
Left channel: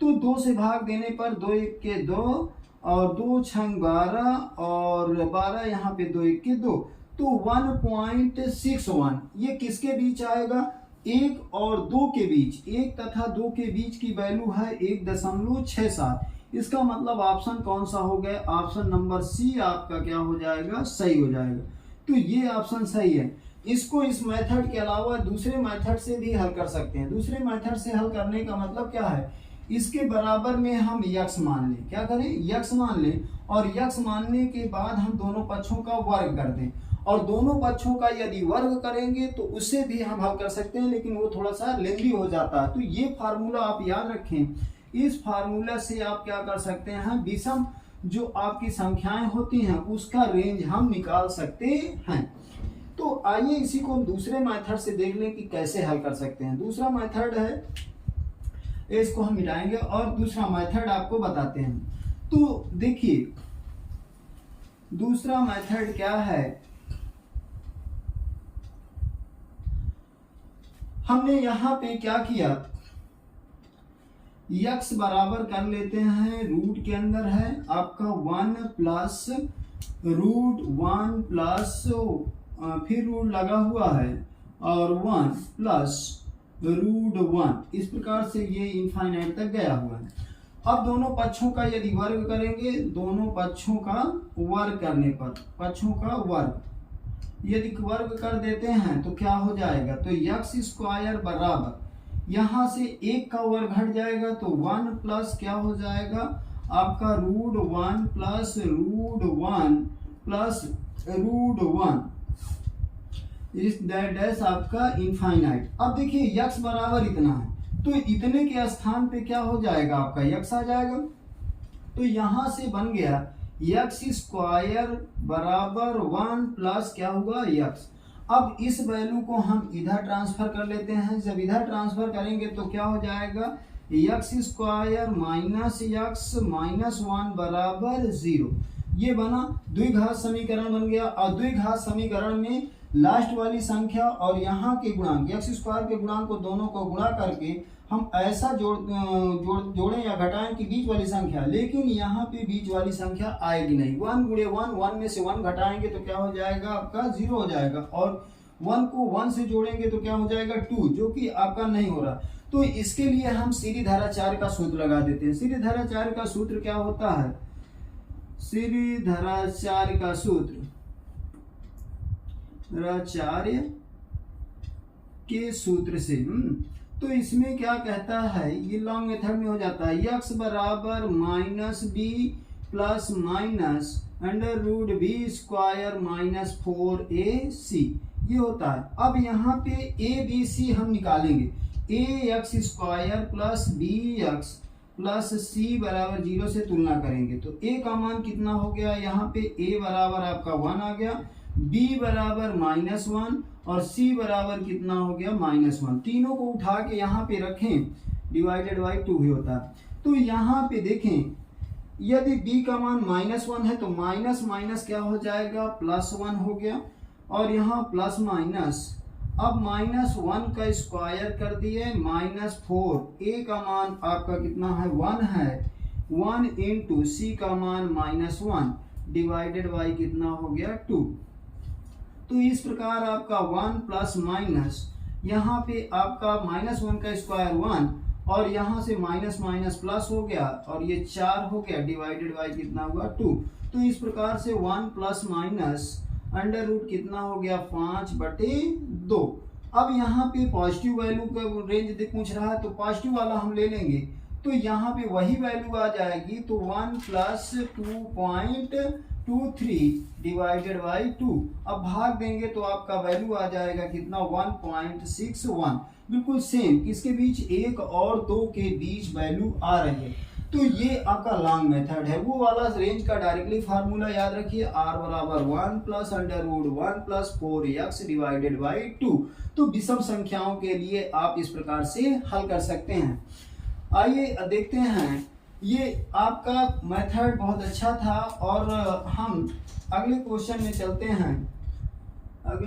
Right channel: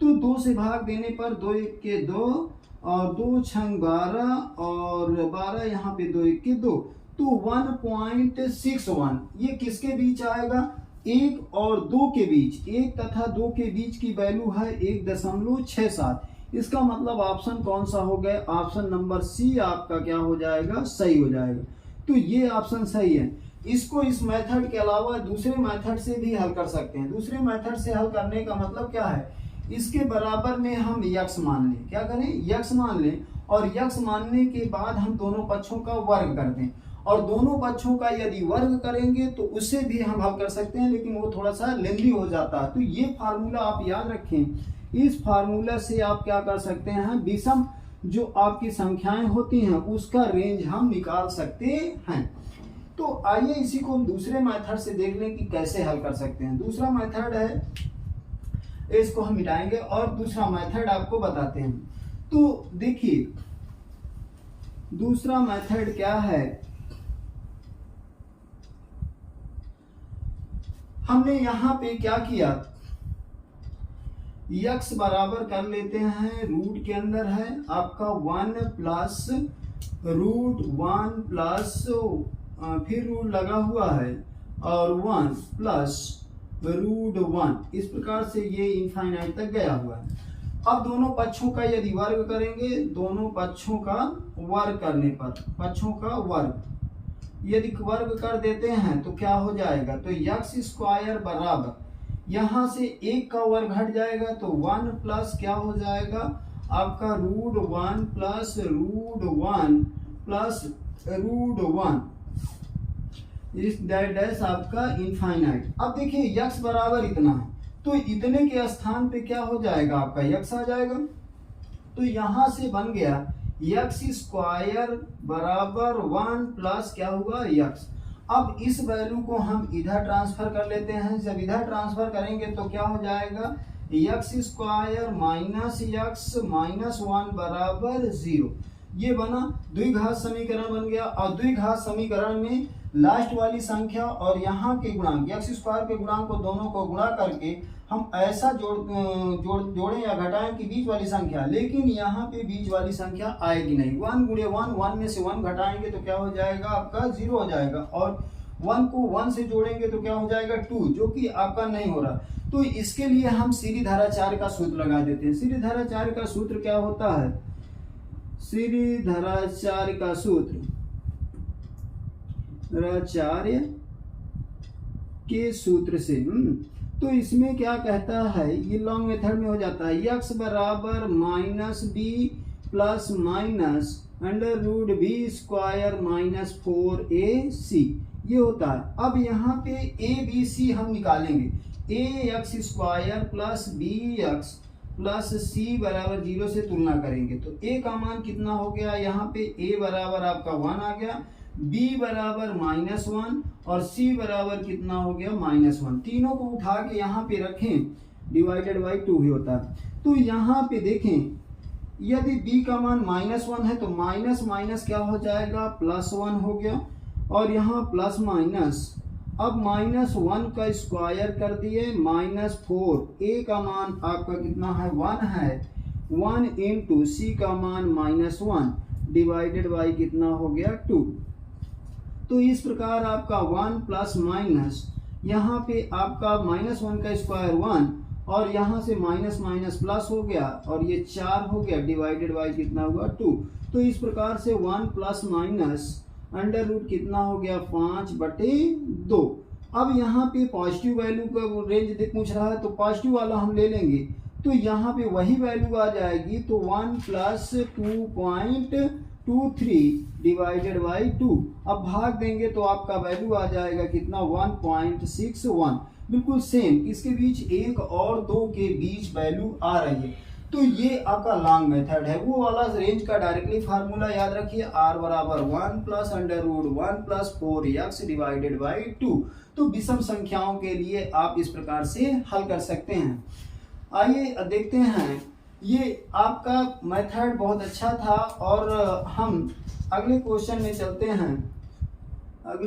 तो 2 से भाग देने पर 2 1 के 2 और 2 6 12 और 12 यहाँ पे 2 1 के 2, तो 1.61 ये किसके बीच आएगा, 1 और 2 के बीच, 1 तथा 2 के बीच की वैल्यू है 1.67। इसका मतलब ऑप्शन कौन सा हो गया, ऑप्शन नंबर सी आपका क्या हो जाएगा, सही हो जाएगा। तो ये ऑप्शन सही है। इसको इस मेथड के अलावा दूसरे मेथड से भी हल कर सकते हैं। दूसरे मेथड से हल करने का मतलब क्या है, इसके बराबर में हम यक्स मान लें, क्या करें, यक्स मान लें, और यक्स मानने के बाद हम दोनों पक्षों का वर्ग कर दें, और दोनों पक्षों का यदि वर्ग करेंगे तो उससे भी हम हल कर सकते हैं, लेकिन वो थोड़ा सा लेंदी हो जाता है। तो ये फार्मूला आप याद रखें, इस फार्मूला से आप क्या कर सकते हैं, विषम जो आपकी संख्याएं होती हैं उसका रेंज हम निकाल सकते हैं। तो आइए इसी को हम दूसरे मेथड से देख लें कि कैसे हल कर सकते हैं। दूसरा मेथड है, इसको हम मिटाएंगे और दूसरा मेथड आपको बताते हैं। तो देखिए दूसरा मेथड क्या है, हमने यहां पे क्या किया, यक्स बराबर कर लेते हैं, रूट के अंदर है आपका 1 प्लस √1 प्लस फिर रूट लगा हुआ है और 1 प्लस √1, इस प्रकार से ये इनफाइनाइट तक गया हुआ है। अब दोनों पक्षों का यदि वर्ग करेंगे, दोनों पक्षों का वर्ग करने पर, पक्षों का वर्ग यदि वर्ग कर देते हैं तो क्या हो जाएगा, तो x² बराबर यहाँ से 1 का वर्ग हट जाएगा तो 1 प्लस क्या हो जाएगा आपका √1 प्लस √1 प्लस √1, इस डैश आपका इनफाइनाइट। अब देखिए x बराबर इतना है तो इतने के स्थान पे क्या हो जाएगा आपका x आ जाएगा। तो यहां से बन गया x² बराबर 1 प्लस क्या हुआ x। अब इस वैल्यू को हम इधर ट्रांसफर कर लेते हैं। जब इधर ट्रांसफर करेंगे तो क्या हो जाएगा, x² माइनस x माइनस 1 बराबर 0। ये बना द्विघात समीकरण बन गया। और द्विघात समीकरण में लास्ट वाली संख्या और यहाँ के गुणांक x² के गुणांक को दोनों को गुणा करके हम ऐसा जोड़ें या घटाएं कि बीच वाली संख्या, लेकिन यहाँ पे बीच वाली संख्या आएगी नहीं। 1 गुणे 1, 1 में से 1 घटाएंगे तो क्या हो जाएगा आपका 0 हो जाएगा, और 1 को 1 से जोड़ेंगे तो क्या हो जाएगा 2, जो कि आपका नहीं हो रहा। तो इसके लिए हम सीरीधराचार्य का सूत्र लगा देते हैं। सीरीधराचार्य का सूत्र क्या होता है, सीरीधराचार्य का सूत्र आचार्य के सूत्र से तो इसमें क्या कहता है, ये लॉन्ग मेथड में हो जाता है, x बराबर -b plus minus √b² minus 4ac, ये होता है। अब यहाँ पे a b c हम निकालेंगे, ax² plus bx plus c बराबर 0 से तुलना करेंगे तो a का मान कितना हो गया, यहाँ पे a बराबर आपका 1 आ गया, b बराबर -1 और c बराबर कितना हो गया -1। तीनों को उठा के यहाँ पे रखें, डिवाइडेड बाई 2 ही होता है। तो यहाँ पे देखें यदि b का मान -1 है तो माइनस माइनस क्या हो जाएगा +1 हो गया, और यहाँ प्लस माइनस, अब -1 का स्क्वायर कर दिए -4, a का मान आपका कितना है 1 है, 1 इंटू c का मान -1 डिवाइडेड बाई कितना हो गया 2। तो इस प्रकार आपका 1 प्लस माइनस, यहाँ पे आपका -1 का स्क्वायर 1 और यहाँ से माइनस माइनस प्लस हो गया और ये 4 हो गया डिवाइडेड बाई कितना हुआ 2। तो इस प्रकार से 1 प्लस माइनस अंडर रूट कितना हो गया 5/2। अब यहाँ पे पॉजिटिव वैल्यू का रेंज पूछ रहा है तो पॉजिटिव वाला हम ले लेंगे, तो यहाँ पे वही वैल्यू आ जाएगी, तो 1 प्लस 2.23 डिवाइडेड बाई 2। अब भाग देंगे तो आपका वैल्यू आ जाएगा कितना 1.61, बिल्कुल सेम। इसके बीच 1 और 2 के बीच वैल्यू आ रही है। तो ये आपका लॉन्ग मेथड है, वो वाला रेंज का डायरेक्टली फार्मूला याद रखिए, r बराबर 1 plus under root 1 plus 4x divided by 2। तो विषम संख्याओं के लिए आप इस प्रकार से हल कर सकते हैं। आइए देखते हैं, ये आपका मेथड बहुत अच्छा था और हम अगले क्वेश्चन में चलते हैं।